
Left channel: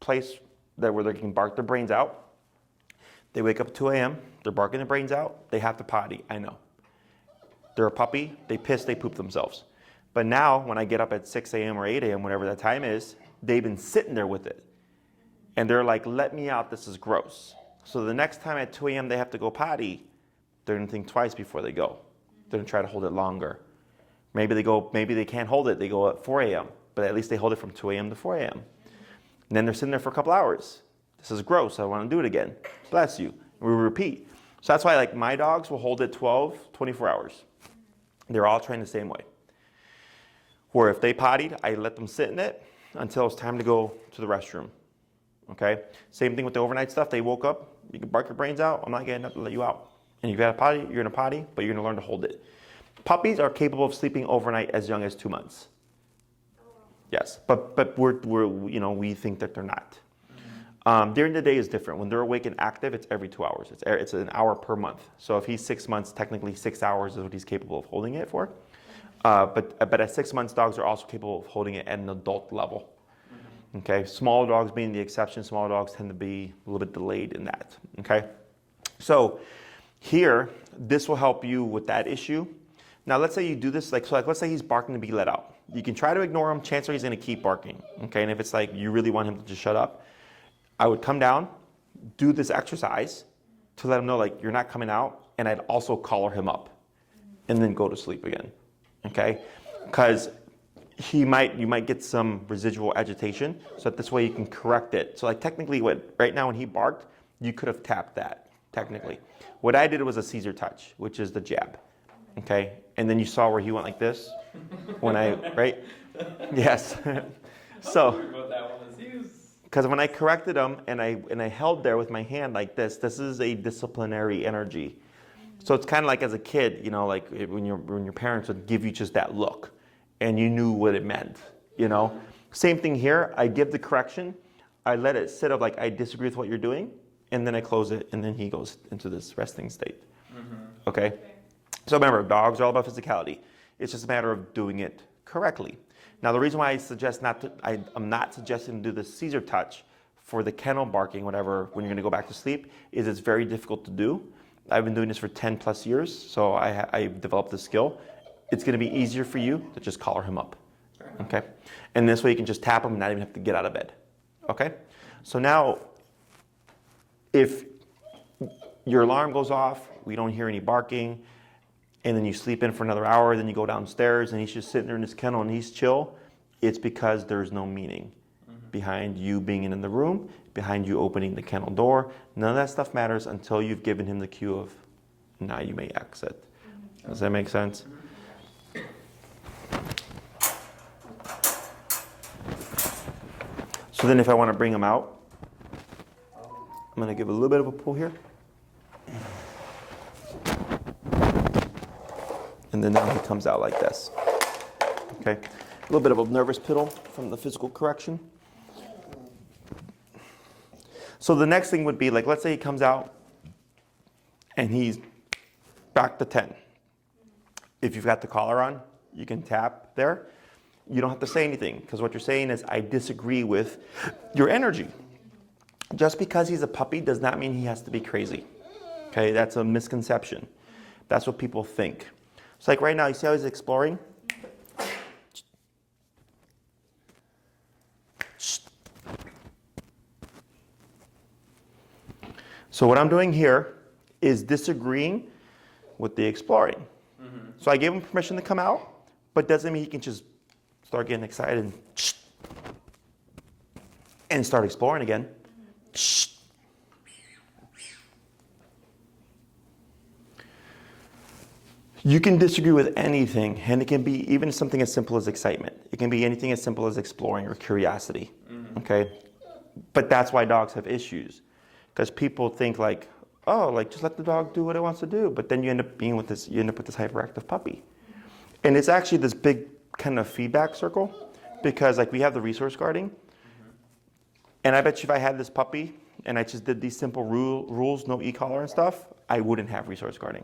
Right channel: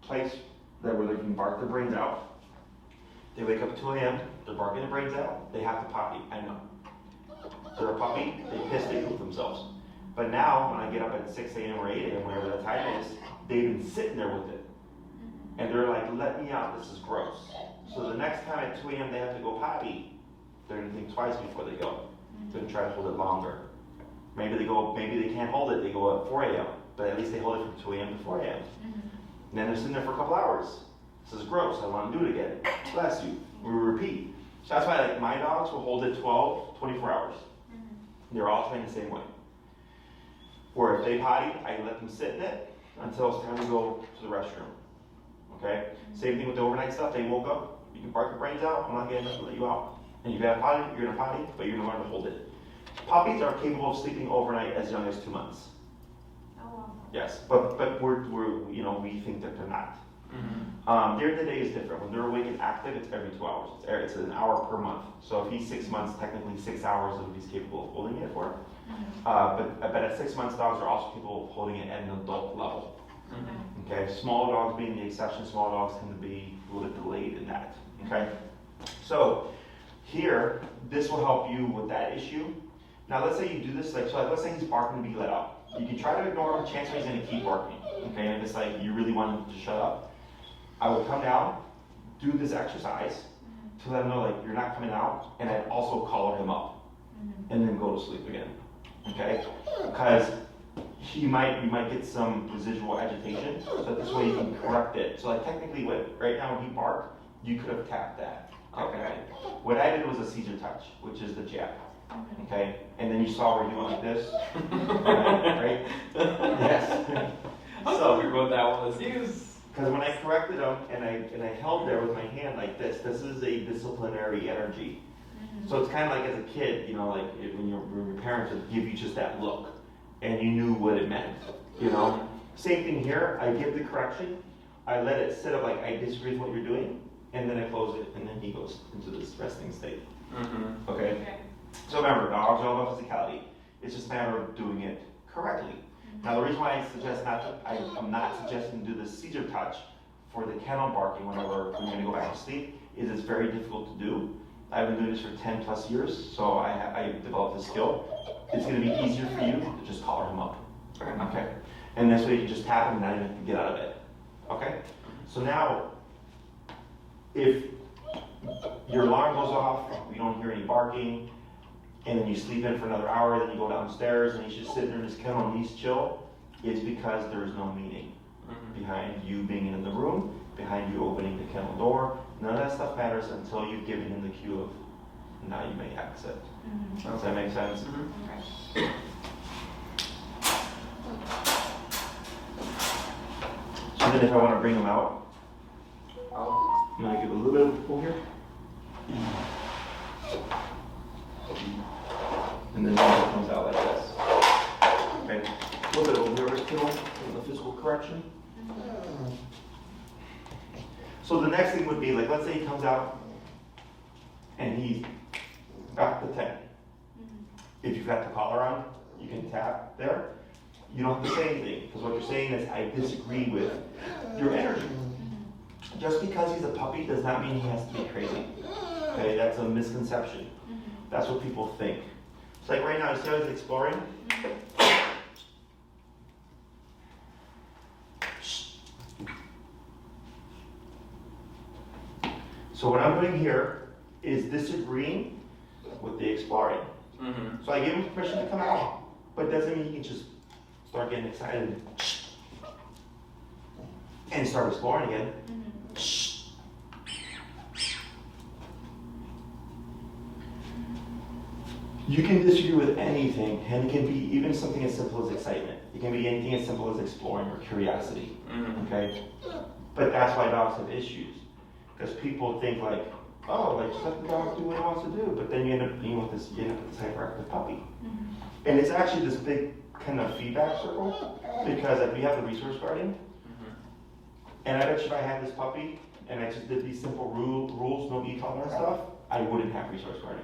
place where they can bark their brains out. They wake up at 2 a.m., they're barking their brains out, they have to potty, I know. They're a puppy, they piss, they poop themselves. But now when I get up at 6 a.m. or 8 a.m., whatever that time is, they've been sitting there with it. And they're like, let me out, this is gross. So the next time at 2 a.m. they have to go potty, they're gonna think twice before they go. They're gonna try to hold it longer. Maybe they can't hold it, they go at 4 a.m., but at least they hold it from 2 a.m. to 4 a.m. And then they're sitting there for a couple hours. This is gross, I wanna do it again. So that's you, we repeat. So that's why like my dogs will hold it 12, 24 hours. They're all trained the same way. Or if they pottied, I let them sit in it until it's time to go to the restroom. Okay? Same thing with the overnight stuff. They woke up, you can bark your brains out, I'm not getting up to let you out. And you got a potty, you're gonna potty, but you're gonna learn to hold it. Puppies are capable of sleeping overnight as young as 2 months. oh, wow. Yes, but we think that they're not. During the day is different. When they're awake and active, it's every 2 hours. It's an hour per month. So if he's 6 months, technically 6 hours is what he's capable of holding it for. But at 6 months, dogs are also capable of holding it at an adult level. Okay, smaller dogs being the exception. Smaller dogs tend to be a little bit delayed in that. Okay, so here, this will help you with that issue. Now, let's say you do this, let's say he's barking to be let out. You can try to ignore him. Chances are he's going to keep barking. Okay, and if it's like you really want him to just shut up, I would come down, do this exercise to let him know like you're not coming out, and I'd also collar him up, and then go to sleep again. Okay, because you might get some residual agitation, so that this way you can correct it. So like technically, right now when he barked, you could have tapped that technically. What I did was a Caesar touch, which is the jab. Okay, and then you saw where he went like this right? Yes. So what that was. because when I corrected him and I held there with my hand like this is a disciplinary energy. So it's kind of like as a kid, like when your parents would give you just that look, and you knew what it meant, Same thing here. I give the correction, I let it sit of like I disagree with what you're doing, and then I close it, and then he goes into this resting state. Okay. So remember, dogs are all about physicality. It's just a matter of doing it correctly. Now the reason why I'm not suggesting to do the Caesar touch for the kennel barking, whatever, when you're gonna go back to sleep, is it's very difficult to do. I've been doing this for 10 plus years, so I developed the skill. It's gonna be easier for you to just collar him up, okay? And this way you can just tap him and not even have to get out of bed, okay? So now, if your alarm goes off, we don't hear any barking, and then you sleep in for another hour, then you go downstairs and he's just sitting there in his kennel and he's chill, it's because there's no meaning behind you being in the room, behind you opening the kennel door. None of that stuff matters until you've given him the cue of, now you may exit. Does that make sense? So then if I want to bring him out, I'm going to give a little bit of a pull here. And then he comes out like this. Okay? A little bit of a nervous piddle from the physical correction. So the next thing would be, like, let's say he comes out and he's back to 10. If you've got the collar on, you can tap there. You don't have to say anything, because what you're saying is, I disagree with your energy. Just because he's a puppy does not mean he has to be crazy. Okay, that's a misconception. That's what people think. It's like right now, you see how he's exploring? So what I'm doing here is disagreeing with the exploring. So I gave him permission to come out, but doesn't mean he can just start getting excited and start exploring again. You can disagree with anything, and it can be even something as simple as excitement. It can be anything as simple as exploring or curiosity, okay? But that's why dogs have issues, because people think like, oh, like just let the dog do what it wants to do, but then you end up with this hyperactive puppy. And it's actually this big kind of feedback circle, because like we have the resource guarding, and I bet you if I had this puppy and I just did these simple rules, no e-collar and stuff, I wouldn't have resource guarding.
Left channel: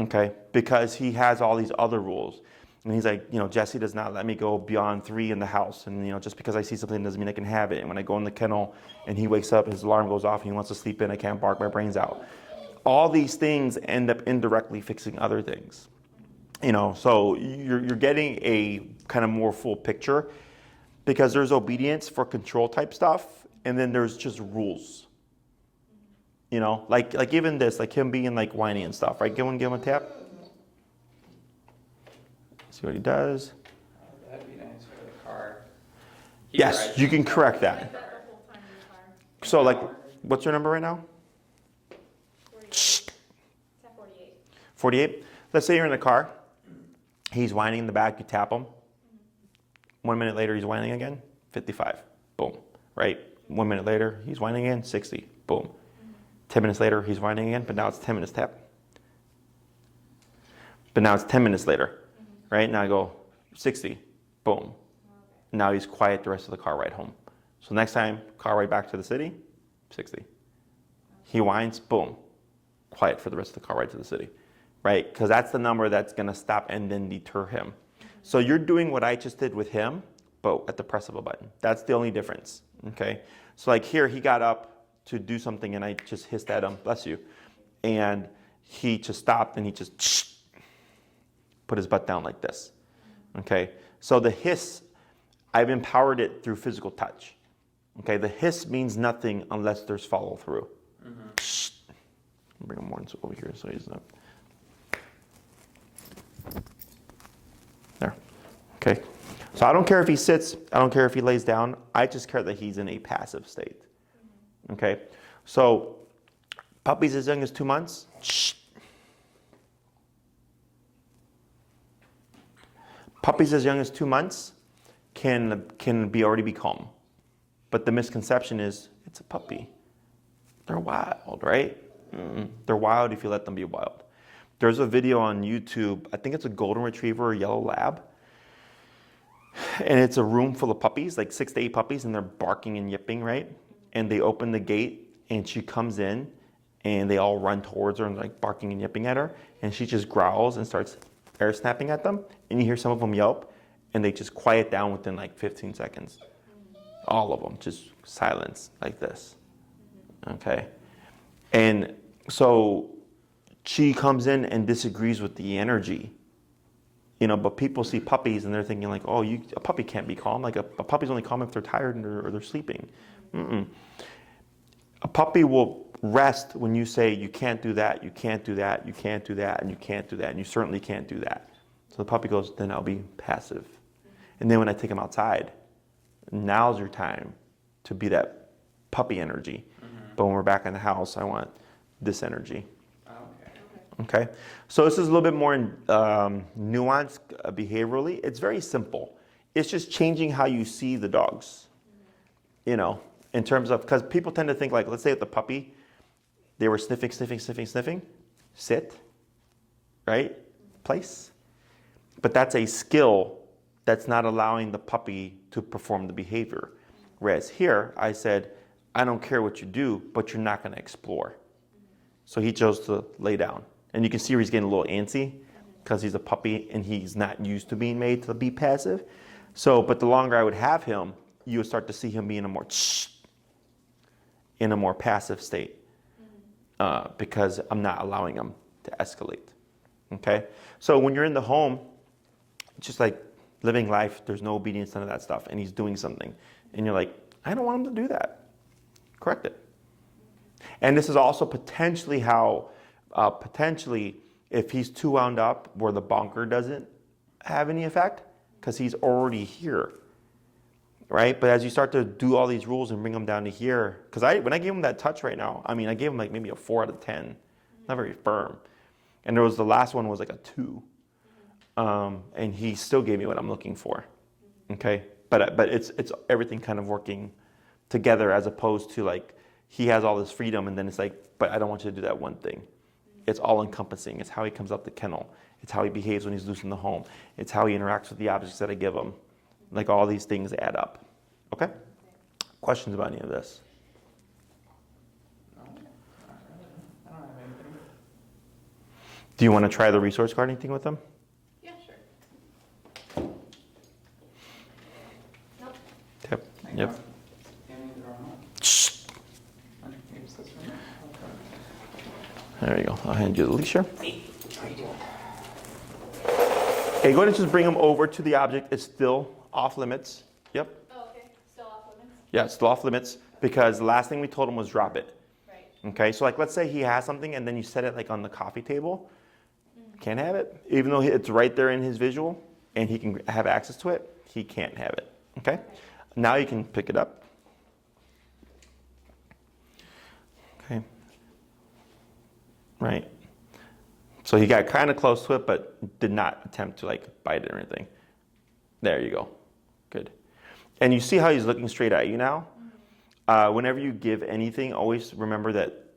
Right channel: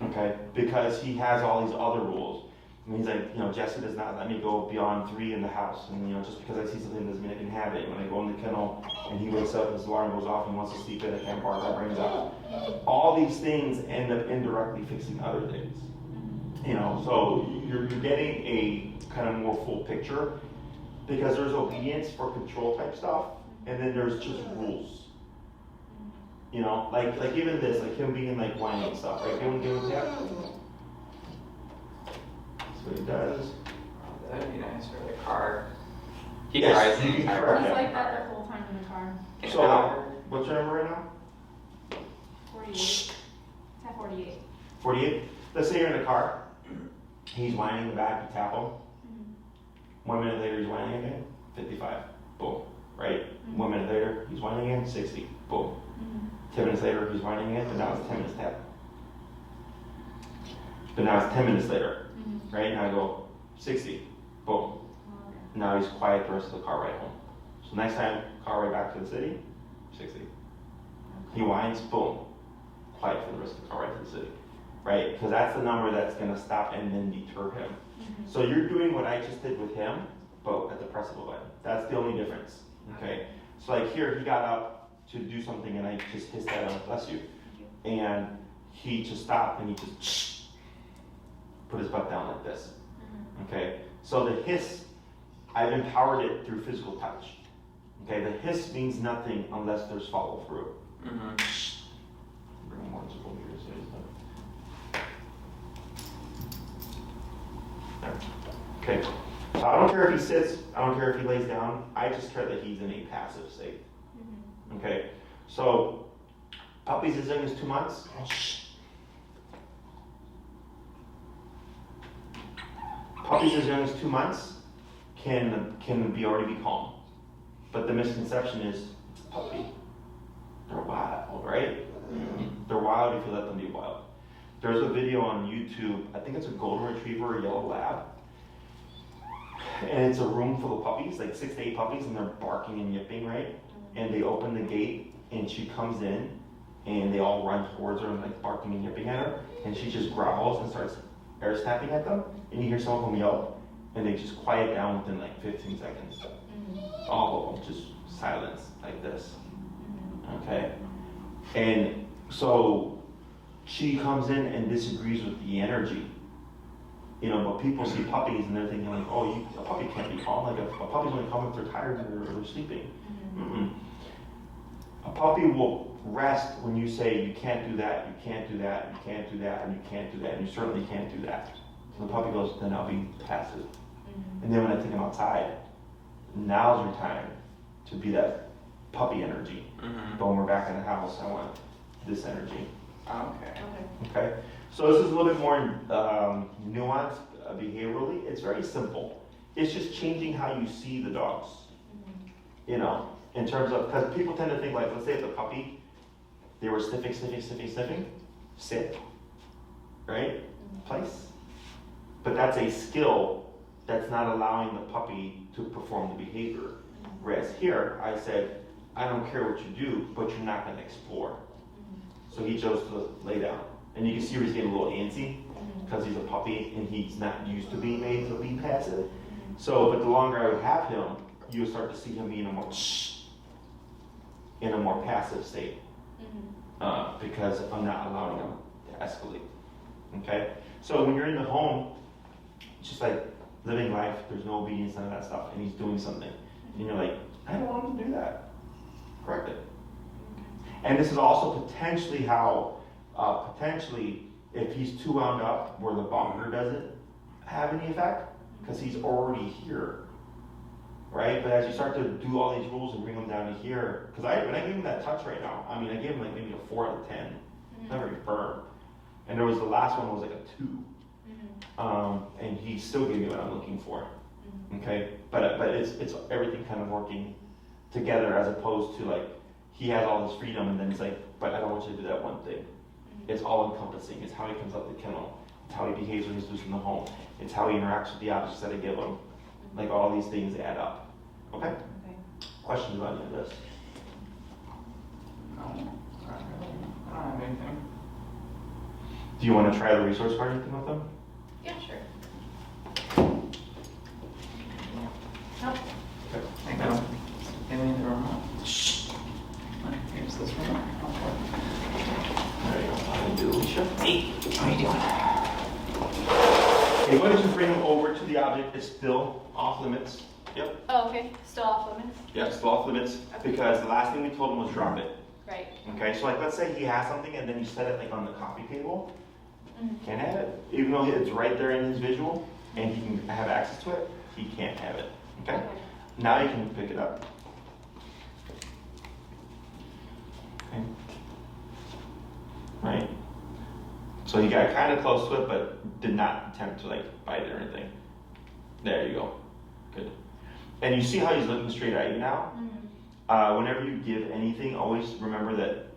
Okay, because he has all these other rules. And he's like, Jesse does not let me go beyond 3 in the house. And, just because I see something doesn't mean I can have it. And when I go in the kennel and he wakes up, his alarm goes off, and he wants to sleep in, I can't bark my brains out. All these things end up indirectly fixing other things. So you're getting a kind of more full picture, because there's obedience for control type stuff, and then there's just rules. Like even this, like him being like whiny and stuff, right? Give him a tap. See what he does. That'd be nice for the car. Yes, you can correct that. Like that the whole time in the car. So like, what's your number right now? 48. It's at 48. 48? Let's say you're in the car. He's whining in the back, you tap him. 1 minute later, he's whining again. 55. Boom. Right? 1 minute later, he's whining again. 60. Boom. 10 minutes later, he's whining again, but now it's 10 minutes tap. But now it's 10 minutes later, right? Now I go 60, boom. Now he's quiet the rest of the car ride home. So next time, car ride back to the city, 60. He whines, boom. Quiet for the rest of the car ride to the city, right? Because that's the number that's gonna stop and then deter him. So you're doing what I just did with him, but at the press of a button. That's the only difference, okay? So like here, he got up to do something and I just hissed at him, bless you. And he just stopped and he just put his butt down like this, okay? So the hiss, I've empowered it through physical touch, okay? The hiss means nothing unless there's follow through. Bring him more over here so he's not. There, okay. So I don't care if he sits, I don't care if he lays down, I just care that he's in a passive state. Okay, so puppies as young as 2 months, puppies as young as 2 months can already be calm, but the misconception is it's a puppy. They're wild, right? They're wild if you let them be wild. There's a video on YouTube, I think it's a golden retriever or yellow lab, and it's a room full of puppies, like 6 to 8 puppies, and they're barking and yipping, right? And they open the gate and she comes in and they all run towards her and like barking and yipping at her, and she just growls and starts air snapping at them, and you hear some of them yelp and they just quiet down within like 15 seconds. All of them, just silence like this. Okay? And so she comes in and disagrees with the energy. But people see puppies and they're thinking like, oh, a puppy can't be calm. Like a puppy's only calm if they're tired or they're sleeping. A puppy will rest when you say you can't do that, you can't do that, you can't do that, and you can't do that, and you certainly can't do that. So the puppy goes, then I'll be passive. And then when I take him outside, now's your time to be that puppy energy. But when we're back in the house, I want this energy. Okay. So this is a little bit more nuanced behaviorally. It's very simple. It's just changing how you see the dogs. In terms of, because people tend to think like, let's say it's a puppy, they were sniffing, sit, right? Place. But that's a skill that's not allowing the puppy to perform the behavior. Whereas here, I said, I don't care what you do, but you're not going to explore. So he chose to lay down. And you can see where he's getting a little antsy because he's a puppy and he's not used to being made to be passive. So, but the longer I would have him, you would start to see him be in a more passive state because I'm not allowing him to escalate. Okay? So when you're in the home, just like living life, there's no obedience, none of that stuff, and he's doing something. And you're like, I don't want him to do that. Correct it. And this is also potentially how, if he's too wound up where the bonker doesn't have any effect, because he's already here, right? But as you start to do all these rules and bring him down to here, because when I gave him that touch right now, I mean, I gave him like maybe a 4 out of 10, not very firm. And there was the last one was like a 2. And he still gave me what I'm looking for. Okay, but it's everything kind of working together, as opposed to like he has all this freedom and then it's like, but I don't want you to do that one thing. It's all encompassing. It's how he comes up the kennel. It's how he behaves when he's loose in the home. It's how he interacts with the objects that I give him. Like all these things add up. Okay? Questions about any of this? No, not really. I don't have anything. Do you want to try the resource card anything with them? Yeah, sure. Nope. Yep. Thank Yep. you. Give me the remote. Here's this remote. There you go. I'll hand you the leash. Hey, how you doing? Okay, go ahead and just bring him over to the object. It's still off limits. Yep. Oh, okay. Still off limits? Yeah, it's still off limits because the last thing we told him was drop it. Right. Okay, so like let's say he has something and then you set it like on the coffee table. Can't have it. Even though it's right there in his visual and he can have access to it, he can't have it. Okay? Now you can pick it up. Okay. Right? So he got kind of close to it, but did not attempt to like bite it or anything. There you go. Good. And you see how he's looking straight at you now? Whenever you give anything, always remember that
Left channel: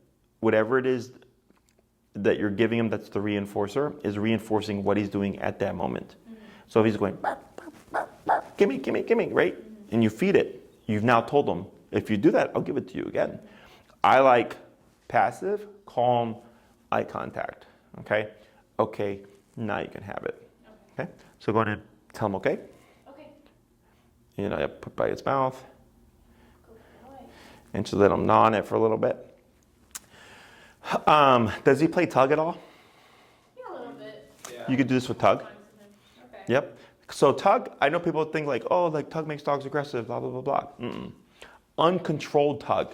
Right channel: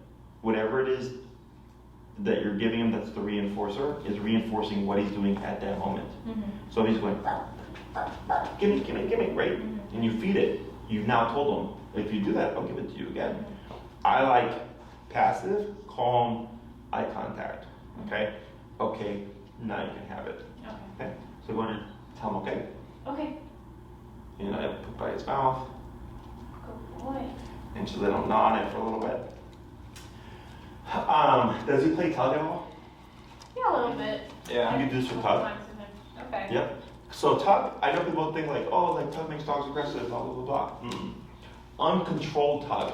whatever it is that you're giving him that's the reinforcer is reinforcing what he's doing at that moment. So if he's going, gimme, gimme, gimme, right? And you feed it. You've now told him, if you do that, I'll give it to you again. I like passive, calm, eye contact. Okay? Okay, now you can have it. Okay? So go ahead and tell him okay. Okay. You know, put by his mouth. Good boy. And just let him gnaw on it for a little bit. Does he play tug at all? Yeah, a little bit. Yeah. You could do this with tug. Sometimes with him. Okay. Yep. So tug, I know people think like, oh, like tug makes dogs aggressive, blah, blah, blah, blah. Uncontrolled tug.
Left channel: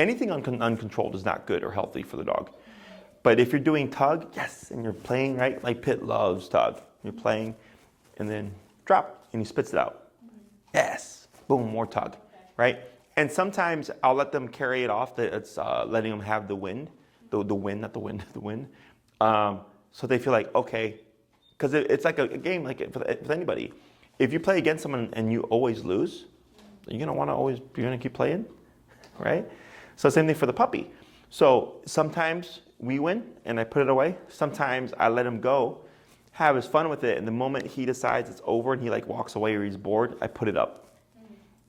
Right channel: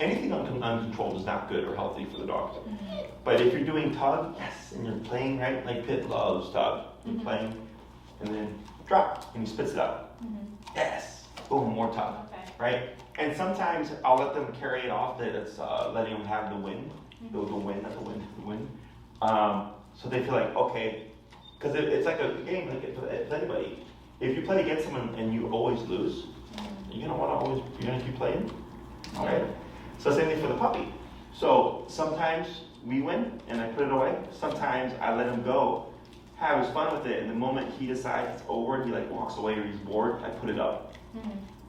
Anything uncontrolled is not good or healthy for the dog. But if you're doing tug, yes, and you're playing, right? Like Pitt loves tug. You're playing, and then drop, and he spits it out. Yes. Boom, more tug. Right? And sometimes I'll let them carry it off. It's letting them have the win. The win, not the wind, the win. So they feel like, okay, because it's like a game, like for anybody. If you play against someone and you always lose, you're gonna keep playing, right? So same thing for the puppy. So sometimes we win and I put it away. Sometimes I let him go, have his fun with it, and the moment he decides it's over and he like walks away or he's bored, I put it up.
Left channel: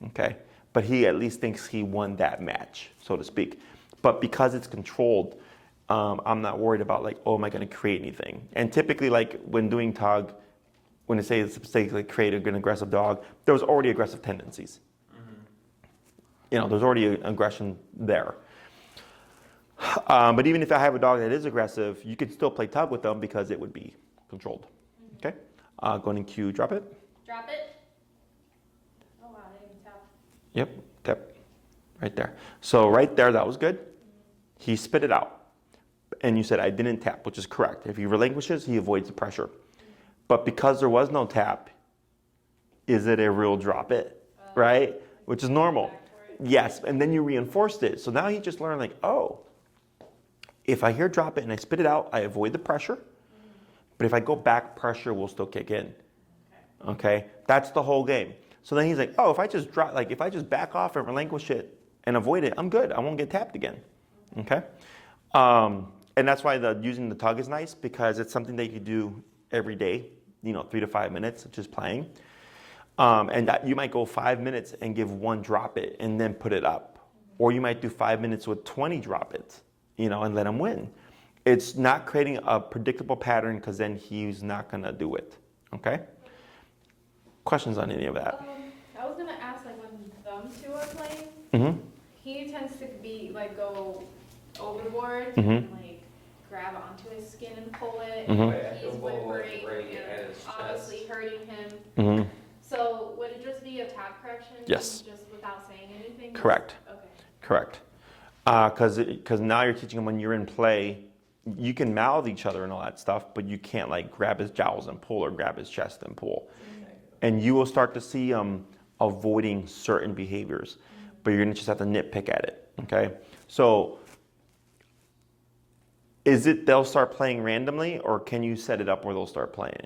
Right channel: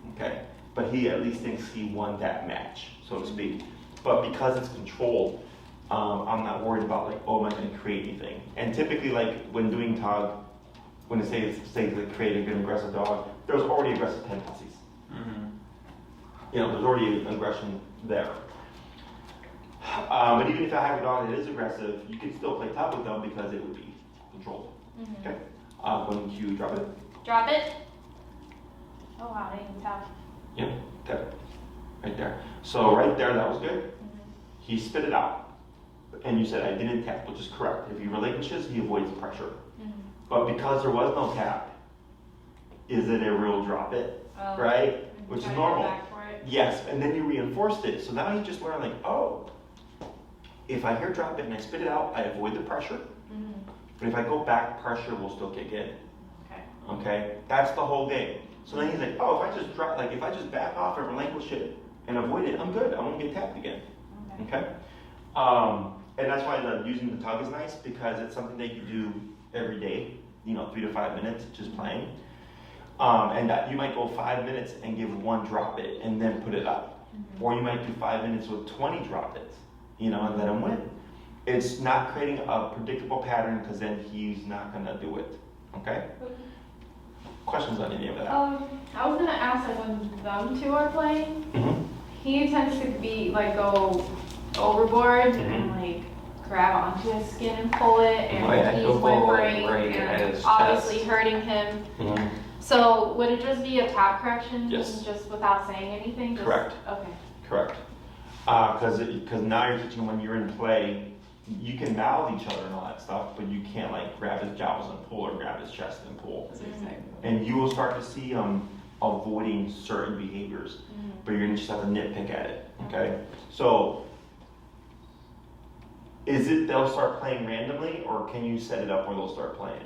Okay? But he at least thinks he won that match, so to speak. But because it's controlled, I'm not worried about like, oh, am I going to create anything? And typically, like when doing tug, when they say like create an aggressive dog, there's already aggressive tendencies. You know, there's already aggression there. But even if I have a dog that is aggressive, you could still play tug with them because it would be controlled. Okay? Going to drop it. Drop it. Oh wow, I didn't even tap. Yep, okay. Right there. So right there, that was good. He spit it out. And you said, I didn't tap, which is correct. If he relinquishes, he avoids the pressure. But because there was no tap, is it a real drop it? Right? Which is normal. Yes, and then you reinforced it. So now he just learned like, oh, if I hear drop it and I spit it out, I avoid the pressure. But if I go back, pressure will still kick in. Okay? That's the whole game. So then he's like, oh, if I just drop, like if I just back off and relinquish it and avoid it, I'm good. I won't get tapped again. Okay? And that's why using the tug is nice because it's something that you do every day, 3 to 5 minutes, just playing. And that you might go 5 minutes and give one drop it and then put it up. Or you might do 5 minutes with 20 drop it, and let him win. It's not creating a predictable pattern because then he's not going to do it. Okay? Questions on any of that? I was gonna ask, like, when them two are playing, he tends to be like go overboard and like grab onto his skin and pull it, and he's whimpering and obviously hurting him. So would it just be a tap correction? Yes. Just without saying anything? Correct. Okay. Correct. Because because now you're teaching him when you're in play, you can mouth each other and all that stuff, but you can't like grab his jowls and pull or grab his chest and pull. And you will start to see avoiding certain behaviors, but you're gonna just have to nitpick at it. Okay, so is it they'll start playing randomly, or can you set it up where they'll start playing?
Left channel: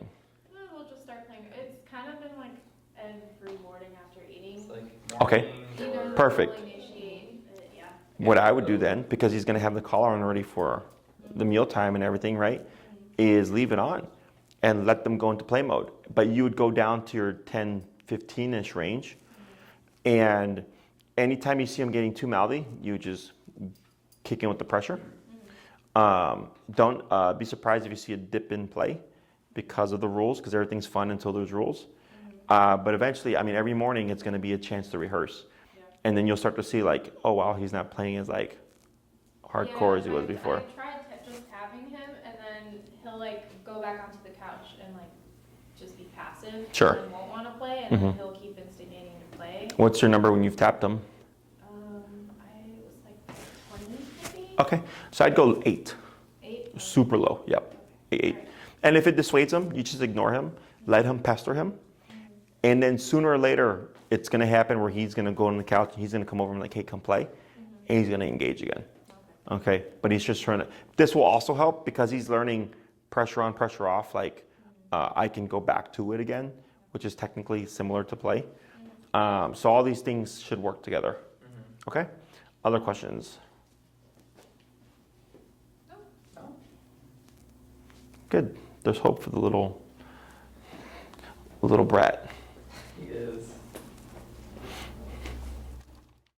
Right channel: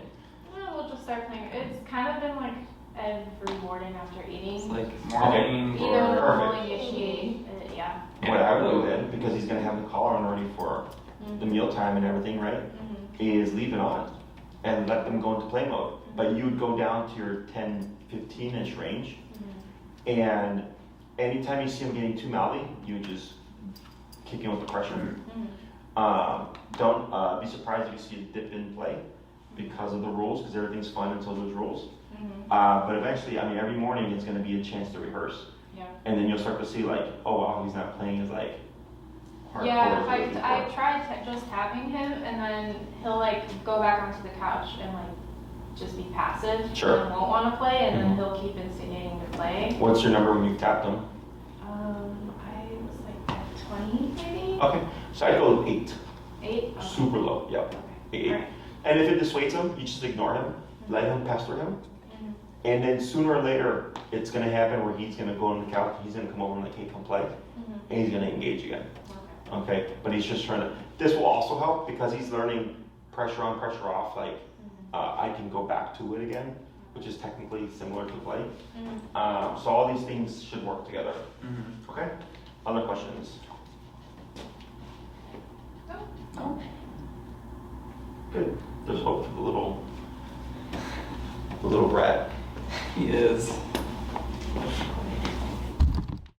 We'll just start playing. It's kind of been like every morning after eating. It's like morning Either Perfect. we'll initiate, yeah. What I would do then, because he's gonna have the collar on already for the mealtime and everything, right? Is leave it on and let them go into play mode. But you would go down to your 10, 15-inch range, and anytime you see him getting too mouthy, you just kick in with the pressure. Don't be surprised if you see a dip in play because of the rules, because everything's fun until there's rules. But eventually, I mean, every morning it's going to be a chance to rehearse. And then you'll start to see like, oh wow, he's not playing as like hardcore as he was before. I tried just tapping him, and then he'll like go back onto the couch and like just be passive. Sure. And won't want to play, and then he'll keep instigating to play. What's your number when you've tapped him? I was like 20 maybe. Okay, so I'd go 8. 8? Super low, yep. Okay. 8. Right. And if it dissuades him, you just ignore him, let him pester him. And then sooner or later, it's going to happen where he's going to go on the couch, he's going to come over and like, hey, come play. And he's going to engage again. Okay, but he's just trying to, this will also help because he's learning pressure on, pressure off, like I can go back to it again, which is technically similar to play. So all these things should work together. Okay, other questions? No. Good, there's hope for the little brat. He is.